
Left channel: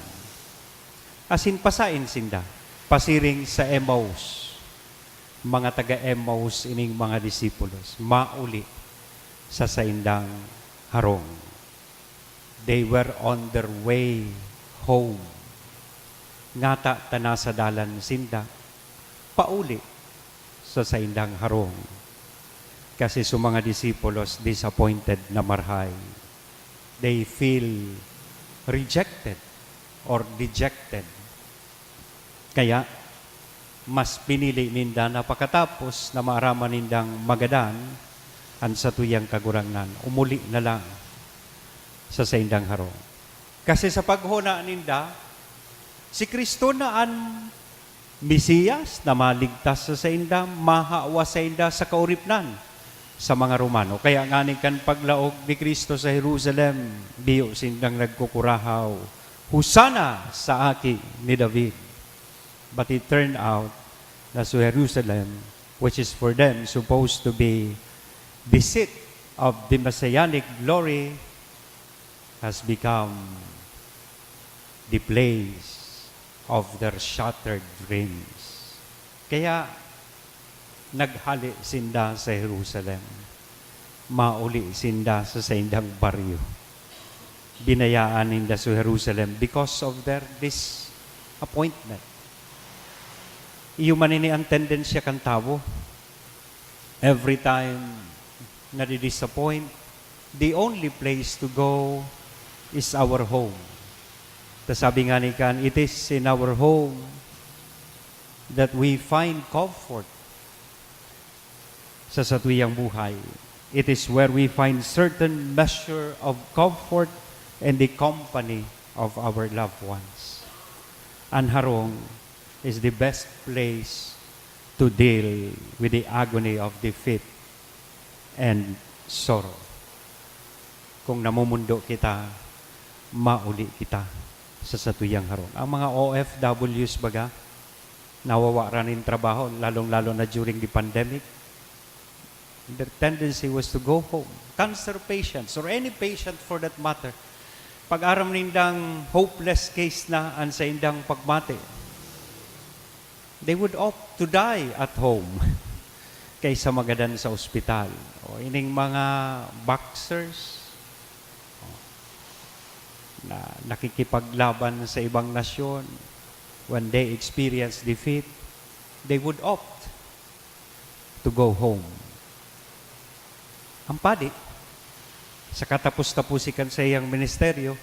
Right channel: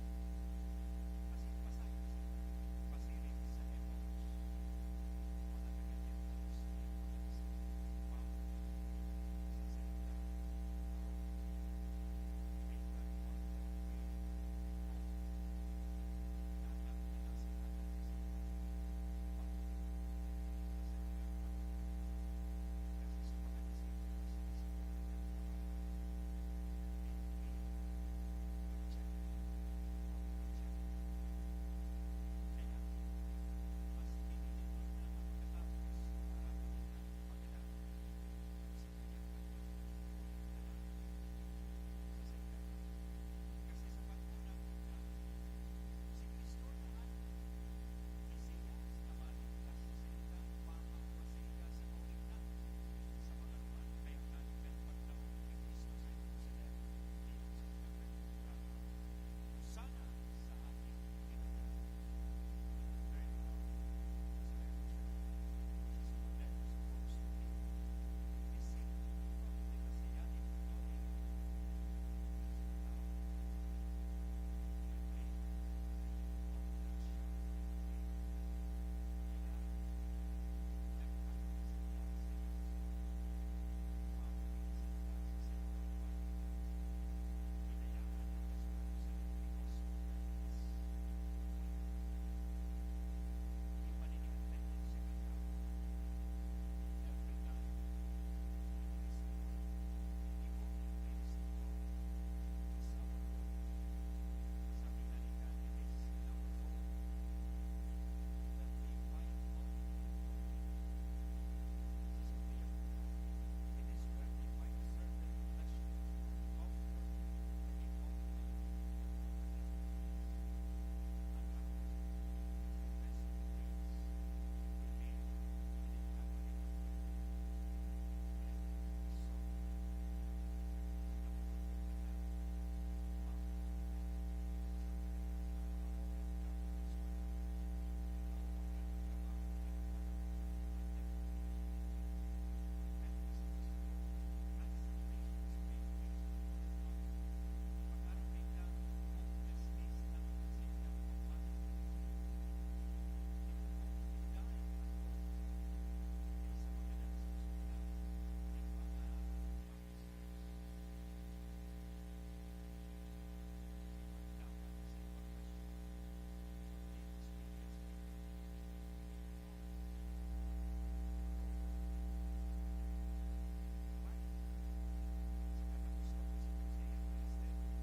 Asin pasain sinda, pasiring sa Emmaus. Mga taga-Emmaus ining mga disipulos, mauli sa saindang harong. They were on their way home. Ngata tana sa dalan sinda, pauli sa saindang harong. Kasi sa mga disipulos, disappointed na marhay. They feel rejected or dejected. Kaya, mas pinili ninda na pagkatapos na maaraman nindang magadan, ang sa tuyang kagurangnan, umuli na lang sa saindang harong. Kasi sa paghuna ninda, si Kristo na ang Mesiyas na maligtas sa sainda, mahawa sa inda sa kauripnan sa mga Romano. Kaya ngani kan paglaog ni Kristo sa Jerusalem, biyo sindang nagkukurahaw, Husana sa aki ni David. But it turned out na sa Jerusalem, which is for them supposed to be the seat of the messianic glory, has become the place of their shattered dreams. Kaya naghali sinda sa Jerusalem. Mauli sinda sa saindang baryo. Binayaan ninda sa Jerusalem because of their disappointment. Iyo manini ang tendensya kan tao. Every time na di-disappoint, the only place to go is our home. Sabi nga ni kan, it is in our home that we find comfort sa satuyang buhay. It is where we find certain measure of comfort and the company of our loved ones. Ang harong is the best place to deal with the agony of defeat and sorrow. Kung namumundo kita, mauli kita sa satuyang harong. Ang mga OFWs baga, nawawa rin trabaho, lalong-lalo na during the pandemic. Their tendency was to go home. Cancer patients, or any patient for that matter, pag-aram nindang hopeless case na ang sa indang pagmate, they would opt to die at home kaysa magadan sa ospital. O ining mga boxers na nakikipaglaban sa ibang nasyon, when they experience defeat, they would opt to go home. Ang padi, sa katapos-tapusikan sa iyang ministeryo,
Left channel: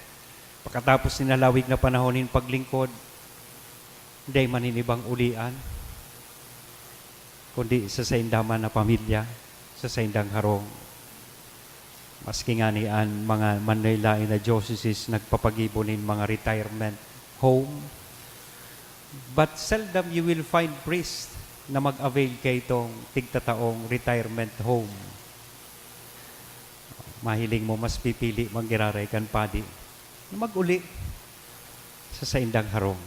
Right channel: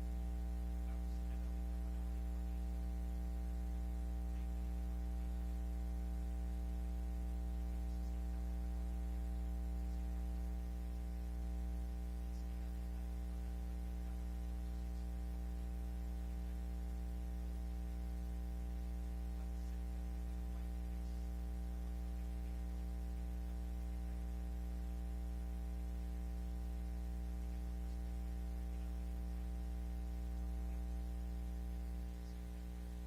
pagkatapos ninalawig na panahonin paglingkod, hindi maninibang ulian, kundi sa saindaman na pamilya, sa saindang harong. Maski nga niyan, mga Manila na dioceses nagpapagibonin mga retirement home, but seldom you will find priest na mag-avail kay itong tigtataong retirement home. Mahiling mo mas pipili manggiraray kan padi na mag-uli sa saindang harong.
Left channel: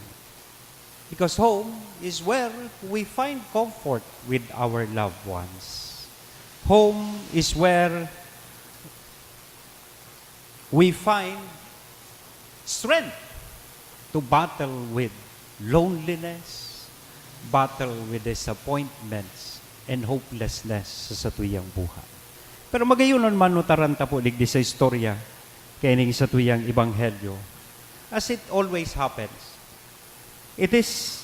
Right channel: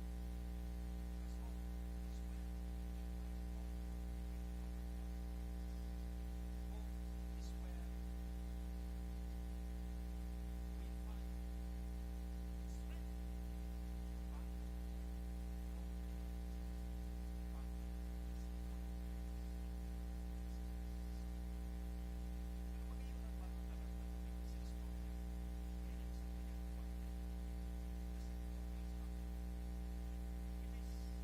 Because home is where we find comfort with our loved ones. Home is where we find strength to battle with loneliness, battle with disappointments, and hopelessness sa satuyang buhay. Pero magayunon manutaran ta po digdi sa istorya kay ning satuyang ebanghelyo. As it always happens, it is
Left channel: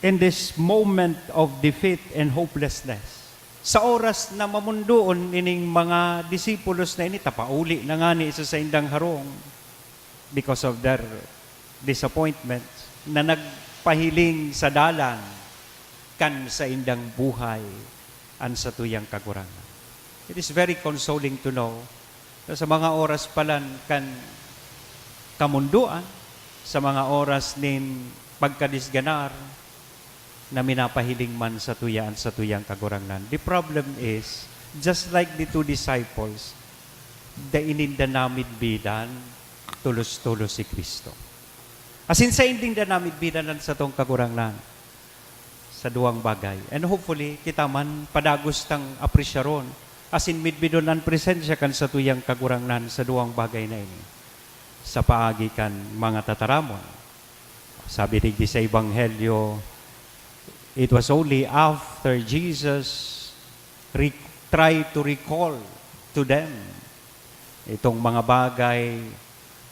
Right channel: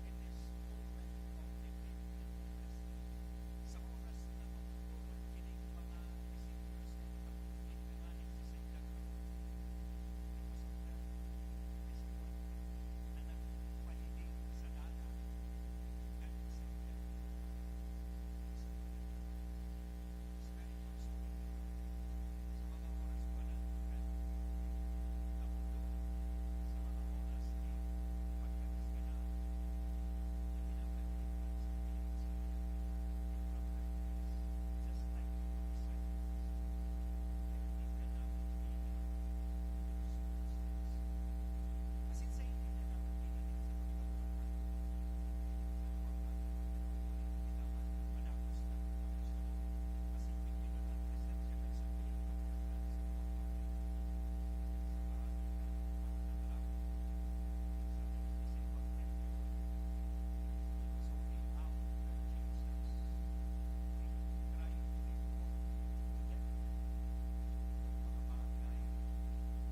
in this moment of defeat and hopelessness, sa oras na mamundoon ining mga disipulos na ini, tapauli na nga ni isa sa indang harong because of their disappointments, na nagpahiling sa dalan kan sa indang buhay an sa tuyang kagurangan. It is very consoling to know na sa mga oras palan kan kamunduan, sa mga oras nin pagkadisganar, na minapahiling man sa tuyang kagurangnan. The problem is, just like the two disciples, the ininda namin bidan, tulos-tulos si Kristo. Asin sa inding da namin bidanan sa tong kagurangnan, sa duwang bagay. And hopefully, kita man padagos tang aprisyaron, asin midbidon ang presensya kan sa tuyang kagurangnan sa duwang bagay na ini. Sa paagi kan mga tataramon. Sabi digdi sa Ebanghelyo, it was only after Jesus tried to recall to them itong mga bagay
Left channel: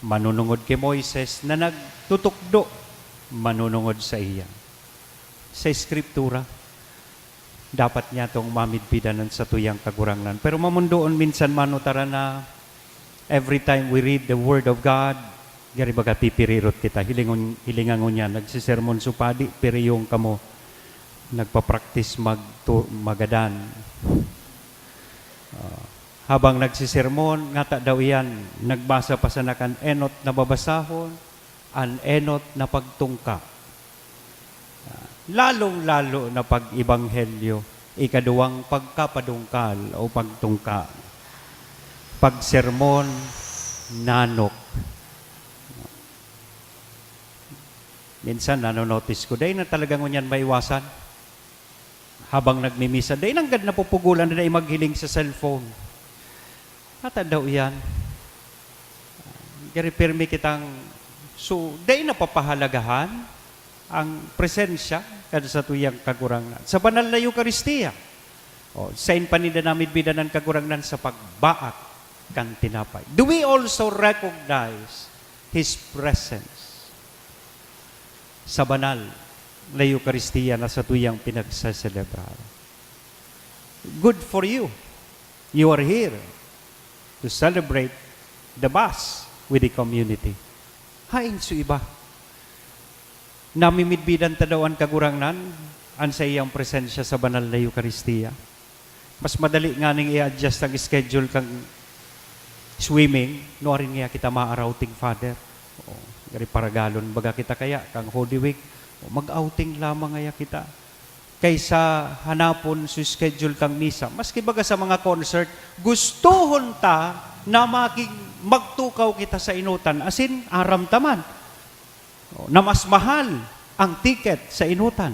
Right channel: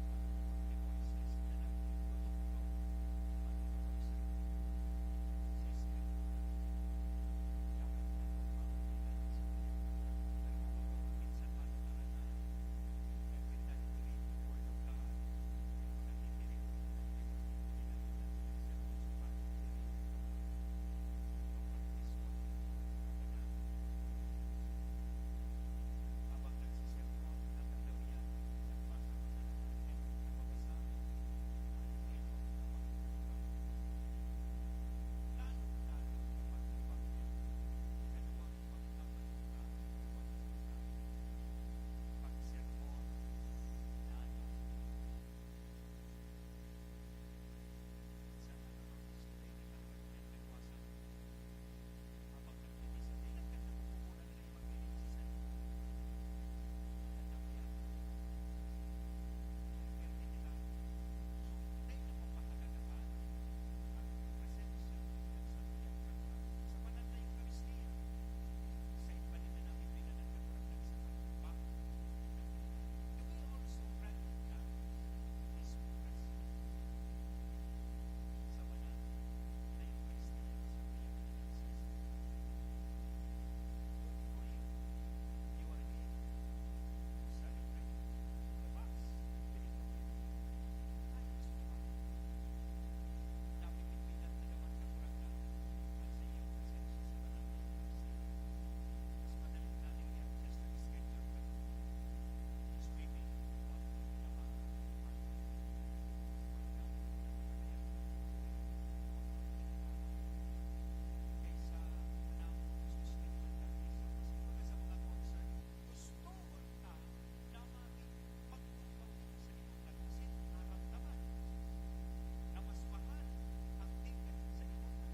manunungod kay Moises na nagtutukdo manunungod sa iya. Sa Eskriptura, dapat niya itong mamidbidanan sa tuyang kagurangnan. Pero mamundoon minsan manutara na every time we read the Word of God, gari baga pipirirot kita, hilingangon niya, nagsisermon supadi, pero yung kamo, nagpa-practice magadan. Habang nagsisermon, ngata daw yan, nagbasa pa sa nakan enot na babasahon, an enot na pagtungka. Lalong-lalo na pag-ibanghelyo, ikaduwang pagkapadungkal o pagtungka. Pagsermon, nanok. Minsan, nanonotice ko, dahil na talagang ngunyan maiwasan. Habang nagmimisa, dahil nanggad na pupugulan na maghiling sa cellphone. Ata daw yan. Kaya pirmi kitang, so, dahil na papahalagahan ang presensya kada sa tuyang kagurangan. Sa banal na Eucharistia, sain panida namin bidanan kagurangan sa pagbaak kan tinapay. Do we also recognize His presence sa banal na Eucharistia na sa tuyang pinagsaselebrar? Good for you. You are here to celebrate the Mass with the community. Hain su iba. Namimidbidan ta daw ang kagurangnan an sa iyang presensya sa banal na Eucharistia. Mas madali nga ning i-adjust ang schedule kang swimming, no rin nga kita ma-outing Father. Gari paragalon baga kita kaya kang Holy Week, mag-outing lamang nga kita. Kaysa hanapon su schedule kang misa. Maski baga sa mga concert, gustuhon ta na magtukaw kita sa inutan, asin aram taman. Na mas mahal ang ticket sa inutan.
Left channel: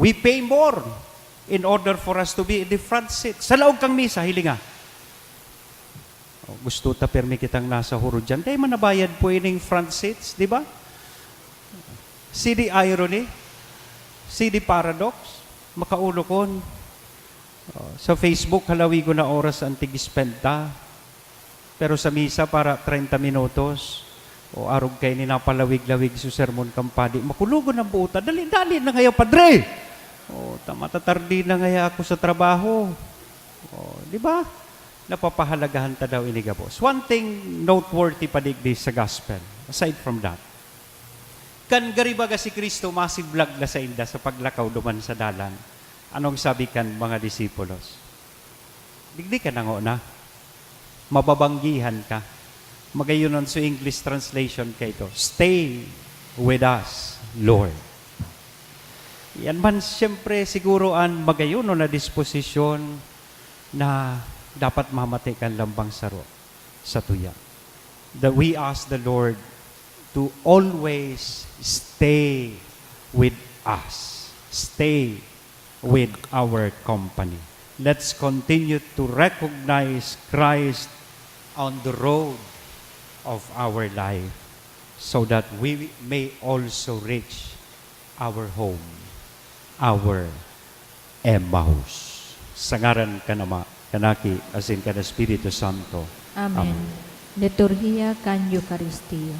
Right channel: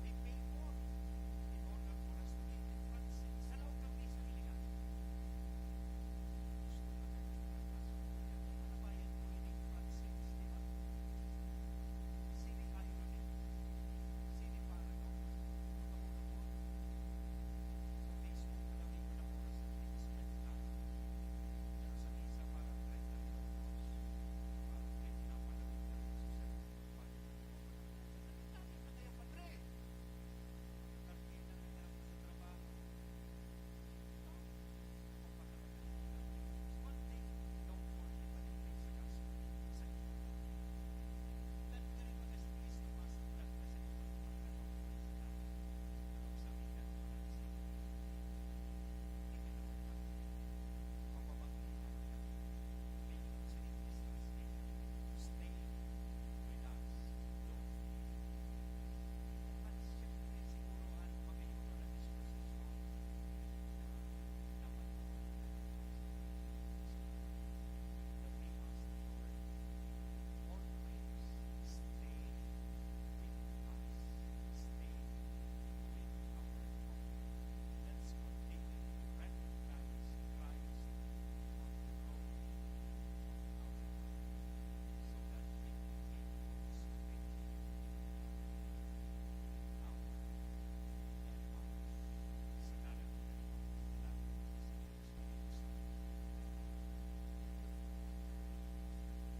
We pay more in order for us to be in the front seat. Sa laog kang misa, hilinga. Gusto ta permi kitang nasa huro dyan. Dahil manabayad po ining front seats, di ba? See the irony? See the paradox? Makaulo kon. Sa Facebook, halawi ko na oras ang tig-spend ta. Pero sa misa, para 30 minutos. O arog kayo ni napalawig-lawig sa sermon kampadi. Makulugon ang buuta. Dali-dali na ngayon, padre! O, tamatatardi na ngaya ako sa trabaho. O, di ba? Napapahalagahan ta daw inigabos. One thing noteworthy padigdi sa gospel, aside from that, kan garibaga si Kristo, massive vlog na sa inda sa paglakaw duman sa dalan. Anong sabi kan mga disipulos? Digdi ka na na. Mababanggihan ka. Magayunon sa English translation kay ito. Stay with us, Lord. Yan man siyempre siguro ang magayunon na disposisyon na dapat mamatay kan lambang saro sa tuya. That we ask the Lord to always stay with us. Stay with our company. Let's continue to recognize Christ on the road of our life so that we may also reach our home, our Emmaus. Sangaran ka nama, kanaki, asin ka na Espiritu Santo. Amen. Liturhiya kan Eucharistia.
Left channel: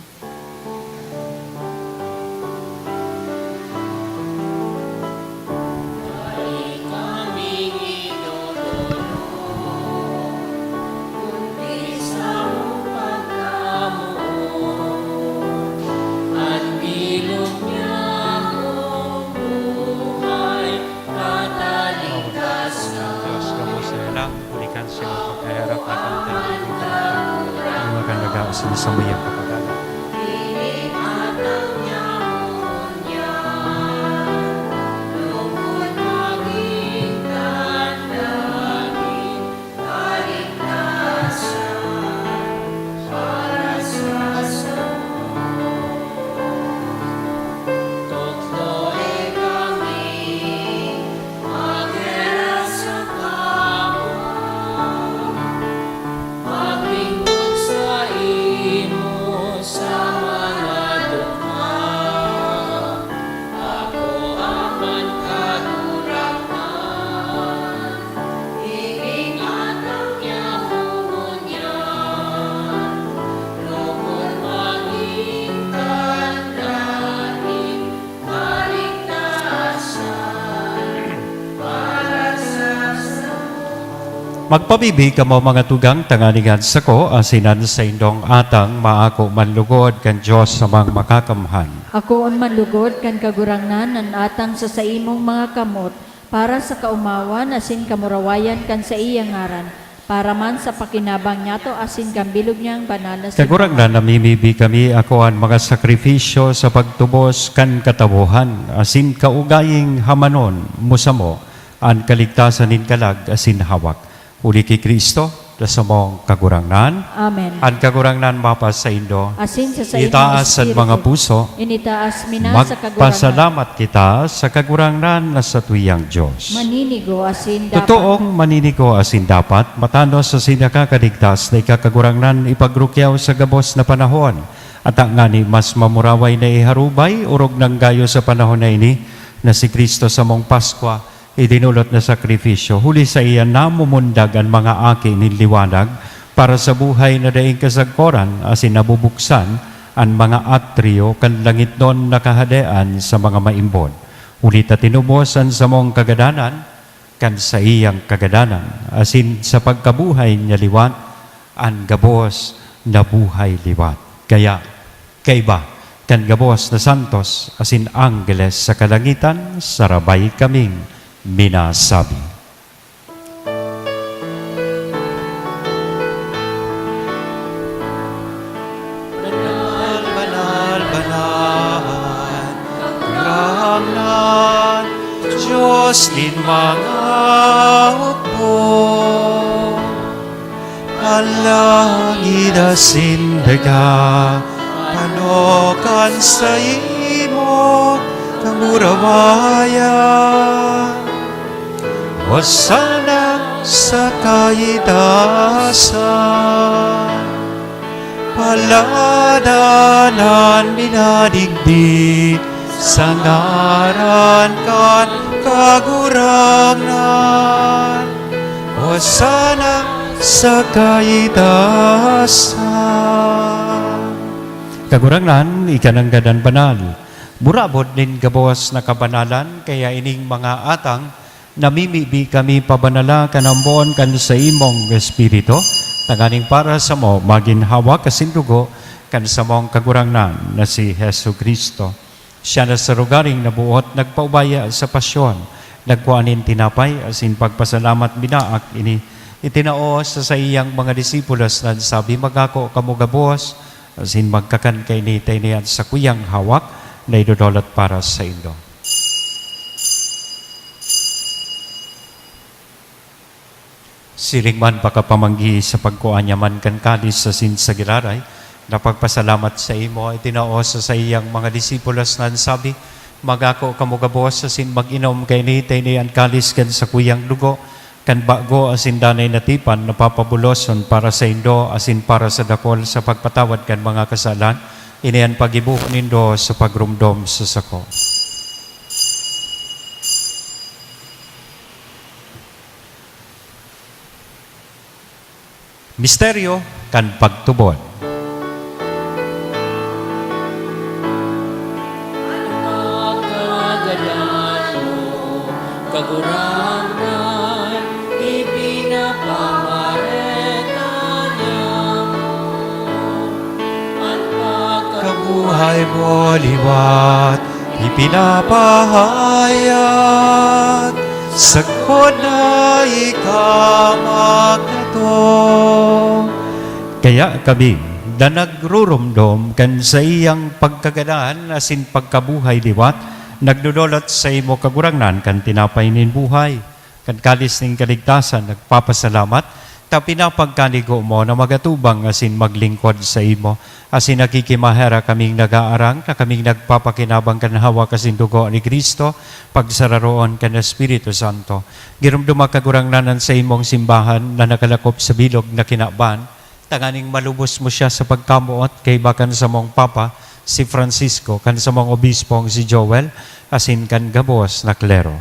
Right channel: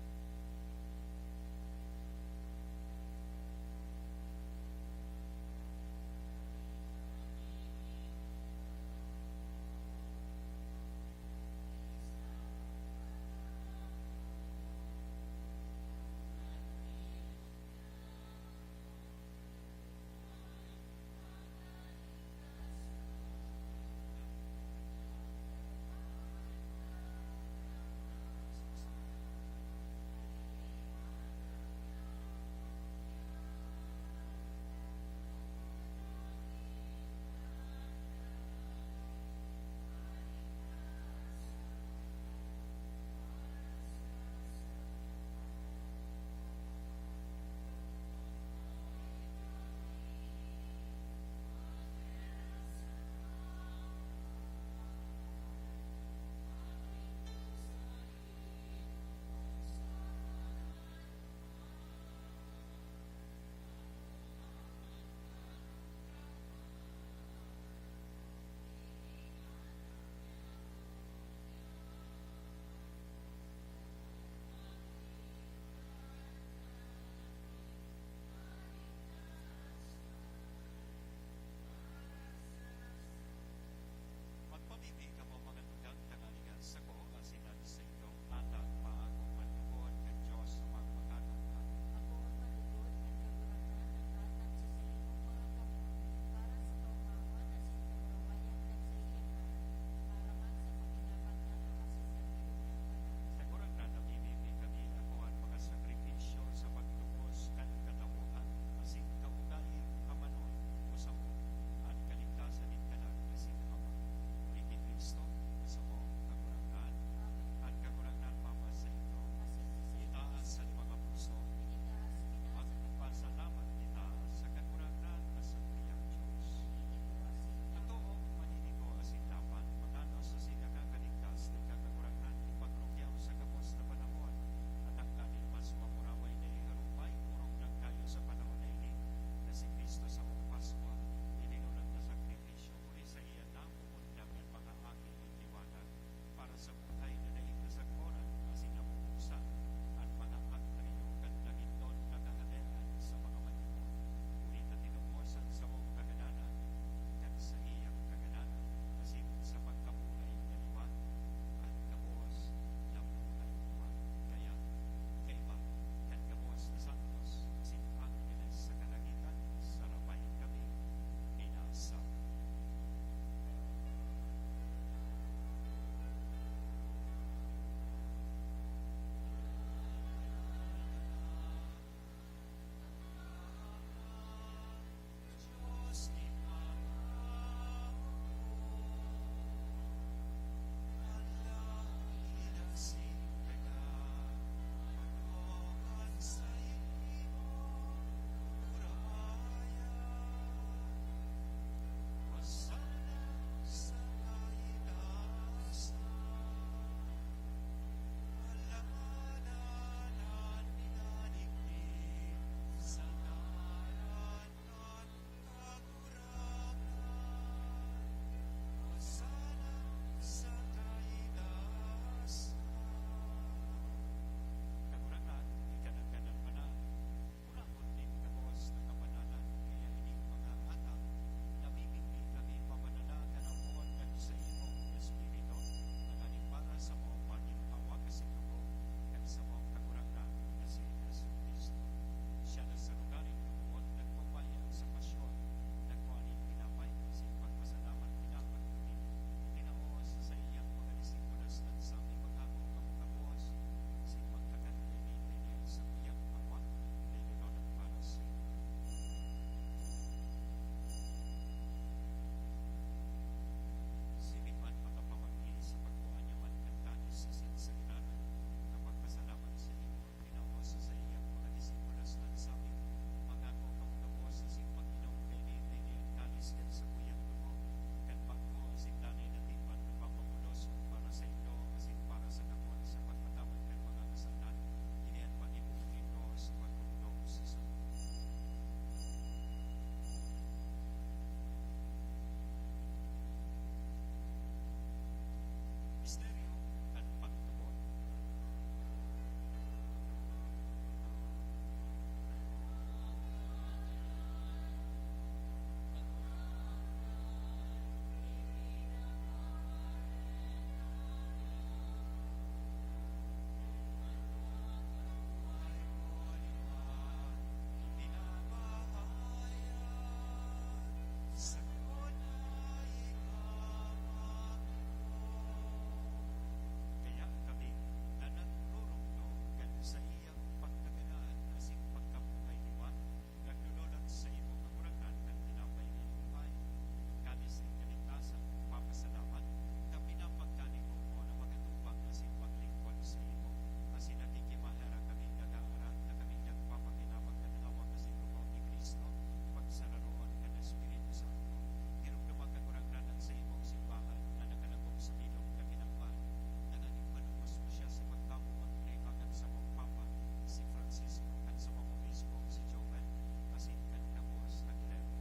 Diyos, kamo sa ilang, bulikan siya ang pagkaharap at ang tayo. Ang magandagaos na sa mayang kapagalan. Magpabibig ka mo mga tugang tanganigan sa ko, asinan sa indong atang maako manlugod kan Diyos sa mga makakamhan. Ako on manlugod kan kagurangnan nan atang sa imong mga kamot para sa kaumawan asin kamurawayan kan sa iyang ngaran para man sa pakinabang niyato asin kambilog niyang banal na Kagurang na namimibi kami ako ang mga sakripisyo sa pagtubos kan katabuhan, asin kaugaying hamanon musamo, ang kaligtasan nin kalag asin hawak. Uli kay Kristo, sa mong kagurangnan, Amen. ang kagurangnan mapas sa indo, Asin sa itaas ang mga puso, initaas mina sa kagurangnan. magpasalamat kita sa kagurangnan na sa tuyang Diyos. Maninigo asin dapat. Totoong maninigo asin dapat, matanos sa sinakakaligtas na ikakagurangnan ipagrukyaw sa gabos na panahon. At ang ngani mas mamuraway na iharubay, urog ng gayo sa panahon na ini, na si Kristo sa mong Paskwa, idinulot na sakripisyo. Huli sa iyan na mumundag ang mga aki ni liwanag para sa buhay na daing kasagkoran asin nabubuksan ang mga atryo kan langit nun nakahadean sa mga maimbon. Ulit at tinubosan sa mong kagadanan kan sa iyang kagadanan asin sa pagkabuhay niya liwat ang gabos na buhay liwat. Kaya kaiba kan gabos na santos asin anggeles sa kalangitan sarabay kaming minasabi. Banal, banal, banal, karangan, Diyos din mga upo, alangin asin daga, ano kan sa imo kamurawayan. Hosana sa kaitasan, paladanan minadigdi sa ngaran kan kagurangan. Hosana sa kaitasan. Kagurangan, ikanang gadan banal. Burabot din gabawas na kabanalan, kaya ining mga atang namimibi kami pabanala kanambon kan sa imong espiritu, tanganing para sa mo maginhawa kasindugo kan sa mong kagurangan na si Hesu Kristo. Siya na sa rugaring nabuot nagpaubaya sa pasyon, nagkuanin tinapay asin pagpasalamat binaak ini itinaos sa iyang mga disipulos na sabi magako kamugabos asin magkakan kay ni tayniyan sa kuyang hawak na idudolot para sa indo. Siring man pakapamanggi sa pagkuanya man kan kadis sa sinsagiraray, na pagpasalamat sa imo ay tinaos sa iyang mga disipulos na sabi, magako kamugabos asin mag-inom kay ni tayniyan kalis kan sa kuyang dugo, kan bago asin danay natipan napapabuloson para sa indo asin para sa dakol sa pagpatawad kan mga kasalan, iniyan pag-ibuk nindo sa pagrumdom sa sako. Misteryo kan pagtubod. Pagkagalan mo, kagurangan, ipinapamareta niya mo. Ang Kabuhay mo liwat, ipinapahayag, sagpod na ikamagnato. Kaya kami na nagrurumdom kan sa iyang pagkagadaan asin pagkabuhay liwat, nagdudolot sa imo kagurangan kan tinapay nin buhay, kan kalis ning kaligtasan, nagpapasalamat, ta pinapagkanigo mo na magatubang asin maglingkod sa imo, asin nakikimahera kaming nagaarang, na kaming nagpapakinabang kan hawa kasin dugo ni Kristo, pagsararoon kan Espiritu Santo. Girumduma kagurangnanan sa imong simbahan na nakalakop sa bilog na kinaban, tanganing malubos mo siya sa pagkamuot kay bakan sa mong Papa, si Francisco, kan sa mong obispong si Joel, asin kan gabos na klero.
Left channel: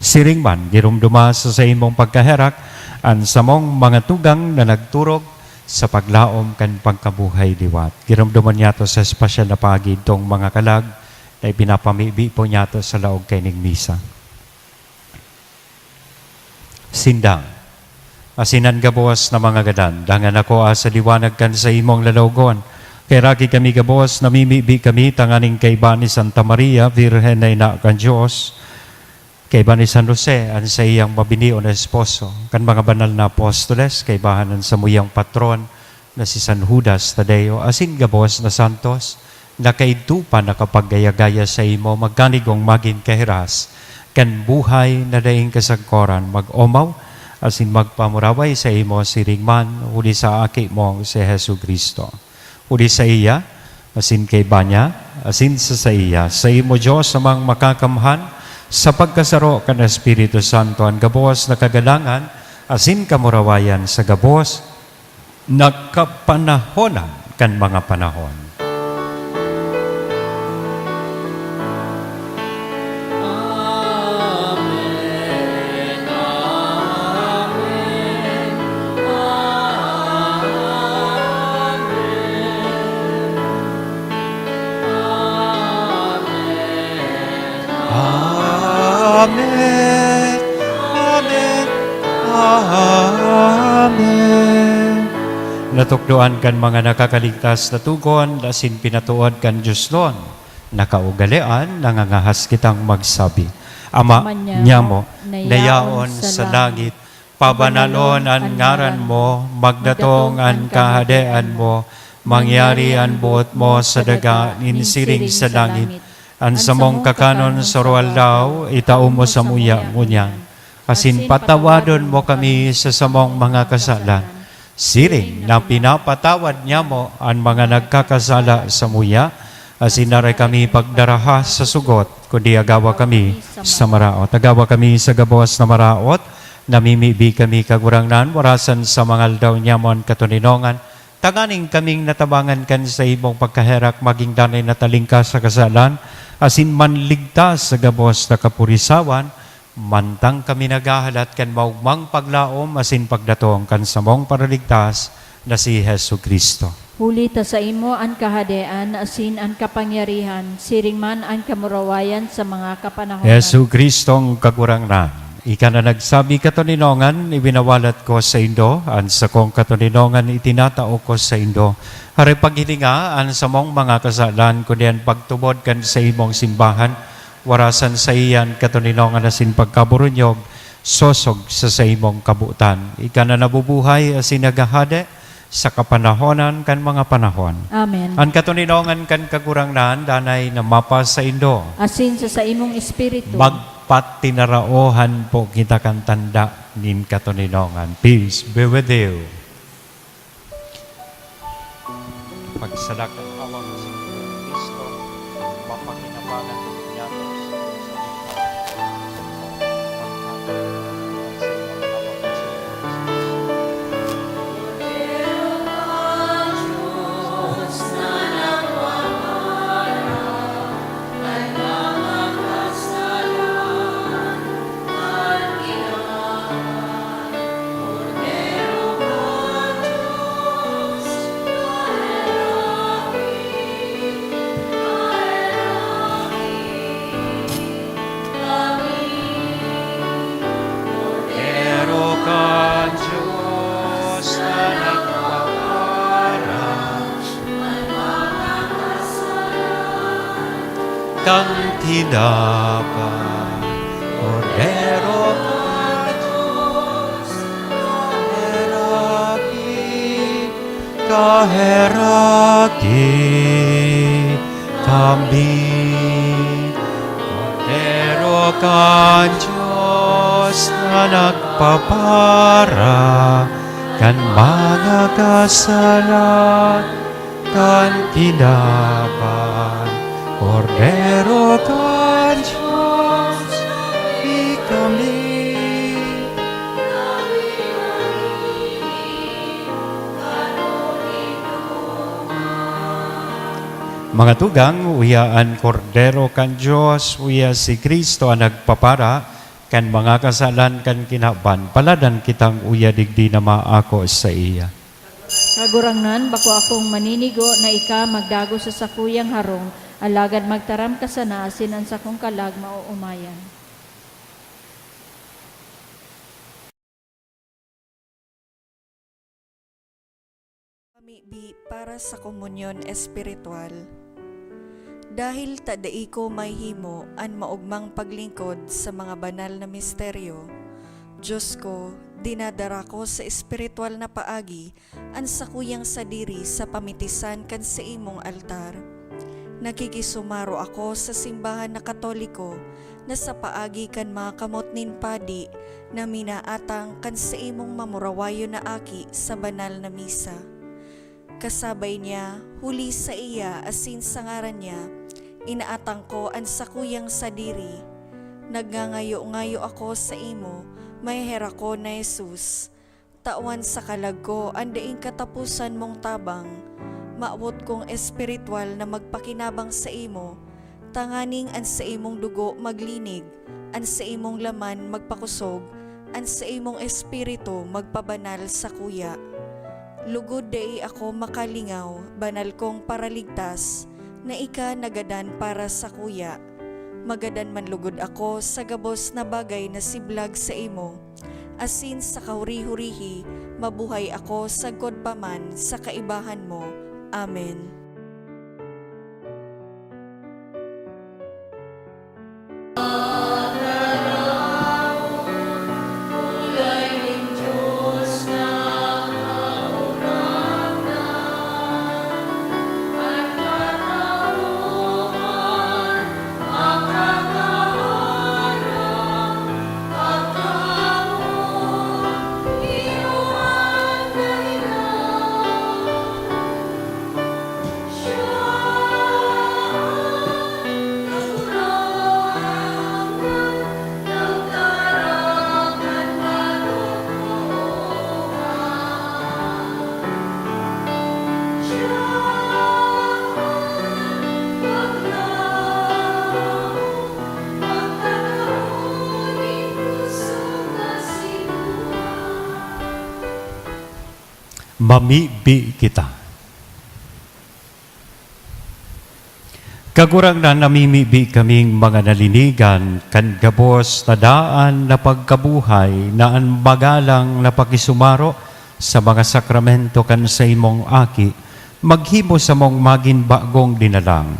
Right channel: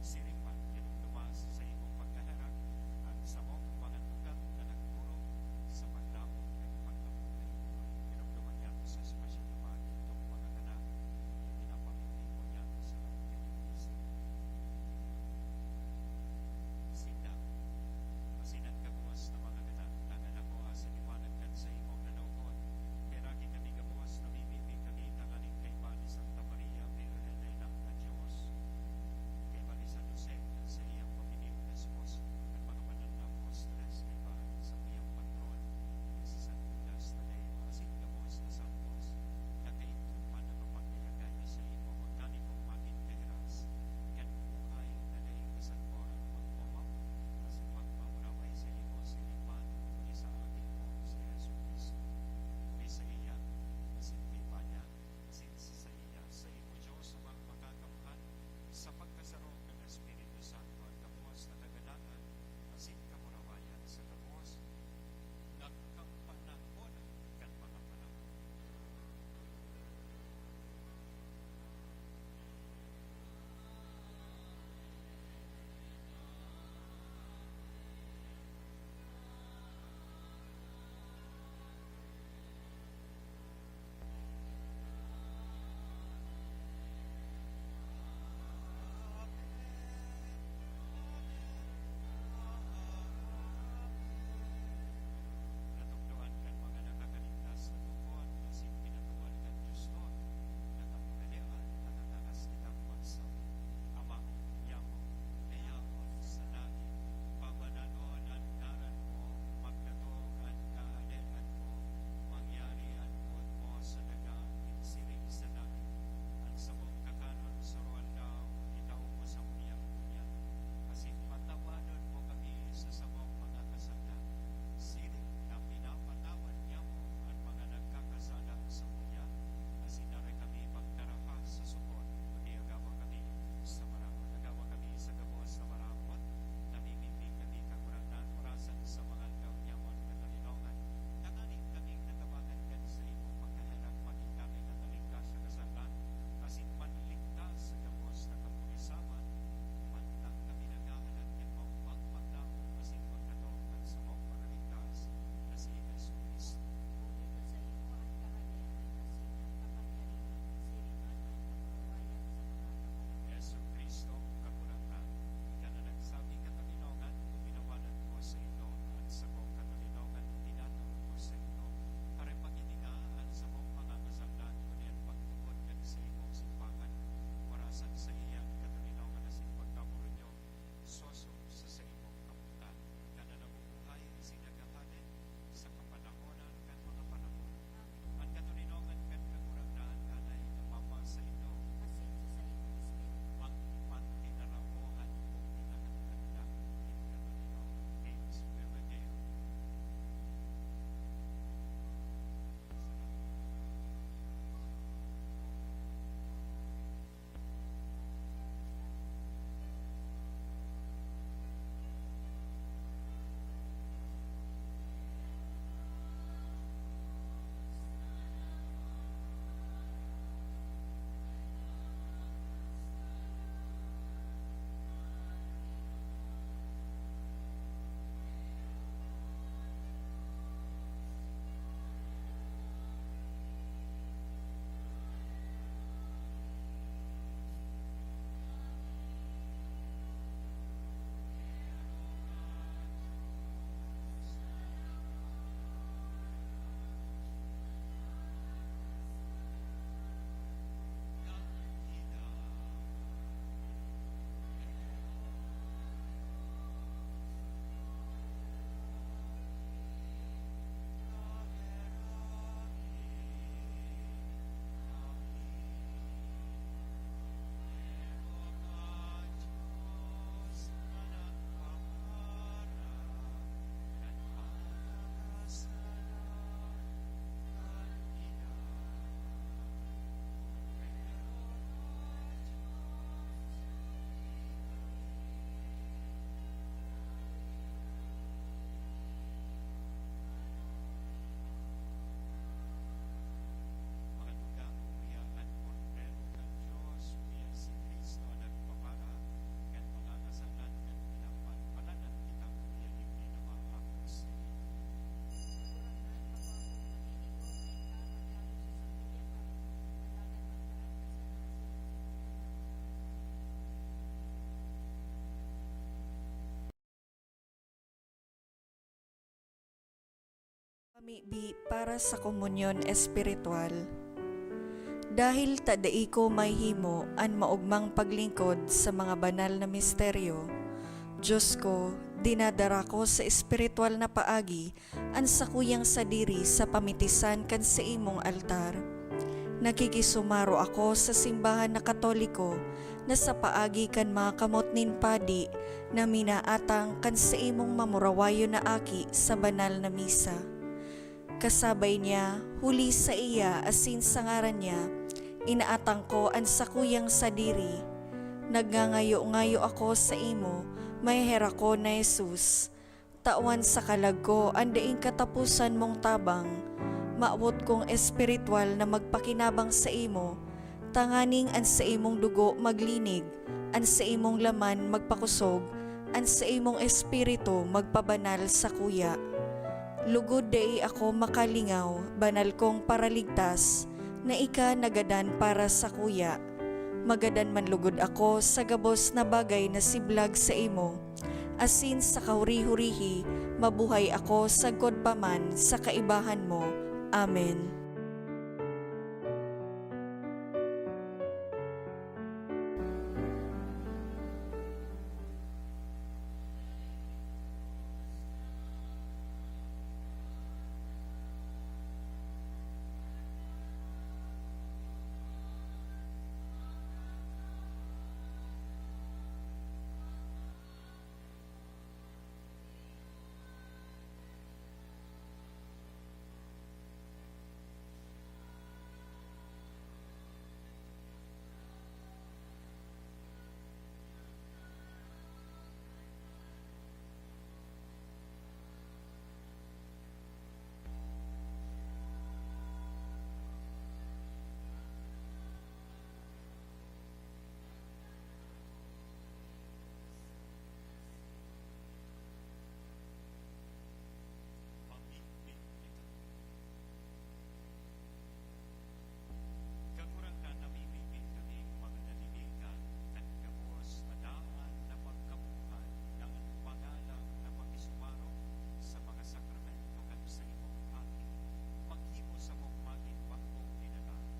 Siring man, girumduma sa imong pagkaherak, an sa mong mga tugang na nagturog sa paglaom kan pagkabuhay liwat. Girumduman niya to sa espesyal na pagid tong mga kalag na ipinapamibi po niya to sa laog kay ning misa. Sindang. Asinan gabuas na mga gadan, dangan ako sa liwanag kan sa imong lalawgon. Kay ragi kami gabuas, namimibi kami, tanganing kay ba ni Santa Maria, Virgen na ina kan Diyos, kay ba ni San Jose, an sa iyang mabinio na esposo, kan mga banal na apostoles, kay bahanan sa muyang patron, na si San Judas Tadeo, asin gabuas na santos, na kaitupa na kapaggaya-gaya sa imo, magkanigong maging kahiras, kan buhay na daing kasagkoran, mag-omaw, asin magpamuraway sa imo siringman, uli sa aki mo si Hesu Kristo. Uli sa iya, asin kay banya, asin sa iya, sa imo Diyos namang makakamhan, sa pagkasaro kan Espiritu Santo, ang gabos na kagalangan, asin kamurawayan sa gabos, nagkapanahonan kan mga panahon. Amen. Amen. Amen. Natukdoan kan mga nakakaligtas na tugon, asin pinatuod kan Diyos Lon, nakaugalian, nangangahas kitang magsabi. Ama niya mo, nayaon sa langit, pabanalon ang ngaran mo, magdatong ang kahadean mo, mangyari ang buot mo sa daga, insiring sa langit. Ang samong kakanon sa rual daw, itao mo sa muya-munya. Asin patawadon mo kami sa samong mga kasalan. Siring na pinapatawad niya mo ang mga nagkakasala sa muya, Asinaray kami pagdaraha sa sugot, kundi agawa kami sa maraot. Agawa kami sa gabos na maraot, namimibi kami kagurangnan, warasan sa mga aldaw nyamon katuninongan, tanganing kaming natabangan kan sa imong pagkaherak, maging danay na talingkas sa kasalan, asin manligtas sa gabos na kapurisawan, mantang kami nagahalat kan maugmang paglaom, asin pagdatong kan samong paraligtas na si Hesu Kristo. Huli ta sa imo ang kahadean, asin ang kapangyarihan, siring man ang kamurawayan sa mga kapanahonan. Hesu Kristong kagurangnan, ika na nagsabi katuninongan, ibinawalat ko sa Indo, an sa kong katuninongan itinatao ko sa Indo. Hari paghilinga, an sa mong mga kasalan, kundi ang pagtubod kan sa imong simbahan, warasan sa iyan katuninongan asin pagkaburunyog, sosog sa imong kabutan. Ika na nabubuhay asin nagahade, sa kapanahonan kan mga panahon. Amen. Ang katuninongan kan kagurangnan, danay na mapa sa Indo. Asin sa imong espiritu. Magpatinaraohan po kita kan tanda nin katuninongan. Peace be with you. Pagsalak ang awang sa Kristo, mapakinabangan niya kang tinapan, Cordero ka Diyos, kaheraki kami. Cordero ka Diyos na nagpapara, kan mga kasalan, kan tinapan. Cordero ka Diyos, di kami. Mga tugang, uyaan Cordero kan Diyos, uya si Kristo ang nagpapara, kan mga kasalan kan kinaban, paladan kitang uya digdi na maako sa iya. Kagurangnan, bako akong maninigo na ika magdago sa sakuyang harong, alagad magtaram ka sana, asin ang sakong kalag mauumayan. Pamibi para sa komunyon espiritual. Dahil tadai ko may himo an maugmang paglingkod sa mga banal na misteryo, Diyos ko, dinadara ko sa espiritual na paagi an sakuyang sadiri sa pamitisan kan sa imong altar. Nakikisumaro ako sa simbahan na Katoliko na sa paagi kan mga kamot nin padi na minaatang kan sa imong mamurawayo na aki sa banal na misa. Kasabay niya, huli sa iya asin sa ngaran niya, inaatang ko ang sakuyang sadiri. Nagngangayo-ngayo ako sa imo, may hera ko na Jesus. Tawan sa kalag ko, andaing katapusan mong tabang. Maawot kong espiritual na magpakinabang sa imo, tanganing an sa imong dugo maglinig, an sa imong laman magpakusog, an sa imong espiritu magpabanal sa kuya. Lugod day ako makalingaw, banal kong paraligtas, na ika nagadan para sa kuya. Magadan man lugod ako sa gabos na bagay na siblag sa imo, asin sa kahuri-hurihi, mabuhay ako sa godpaman sa kaibahan mo. Amen. mamibi kita. Kagurang na namimibi kaming mga nalinigan, kan gabos na daan na pagkabuhay, na ang magalang na pakisumaro sa mga sakramento kan sa imong aki, maghimo sa mong maging bagong dinalang.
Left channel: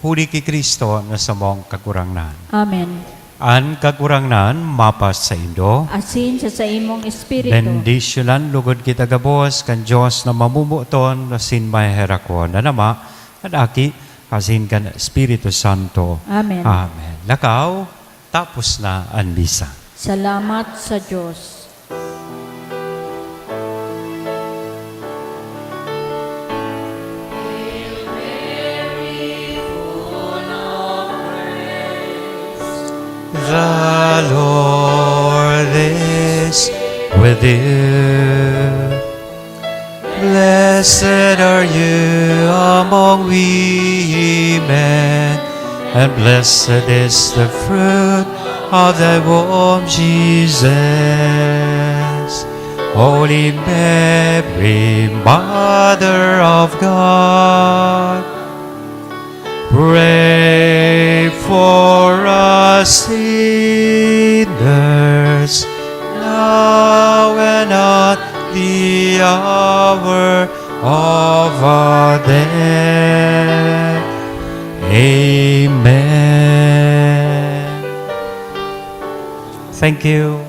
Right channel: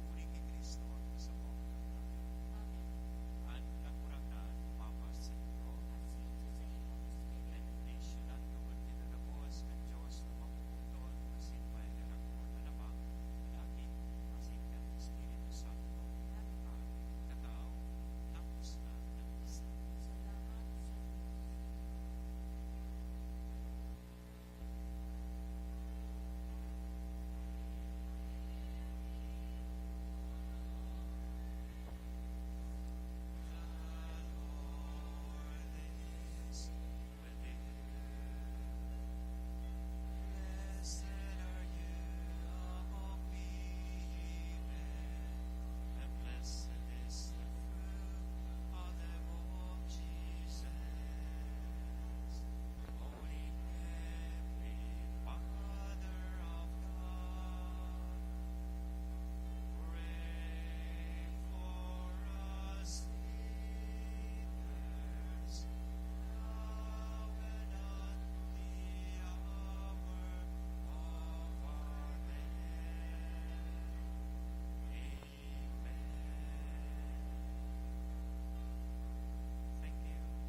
Huli ki Kristo na sa mong kagurangnan. Amen. An kagurangnan, mapas sa Indo. Asin sa imong espiritu. Bendisyonan, lugod kita gabos, kan Diyos na mamumuton, na sin maherako na nama, at aki, asin kan Espiritu Santo. Amen. Amen. Lakaw, tapos na ang misa. Salamat sa Diyos. The Lord is with you. Blessed are you among women, and blessed is the fruit of thy womb, Jesus. Holy Mary, Mother of God, pray for us sinners, now and at the hour of our death. Amen. Thank you.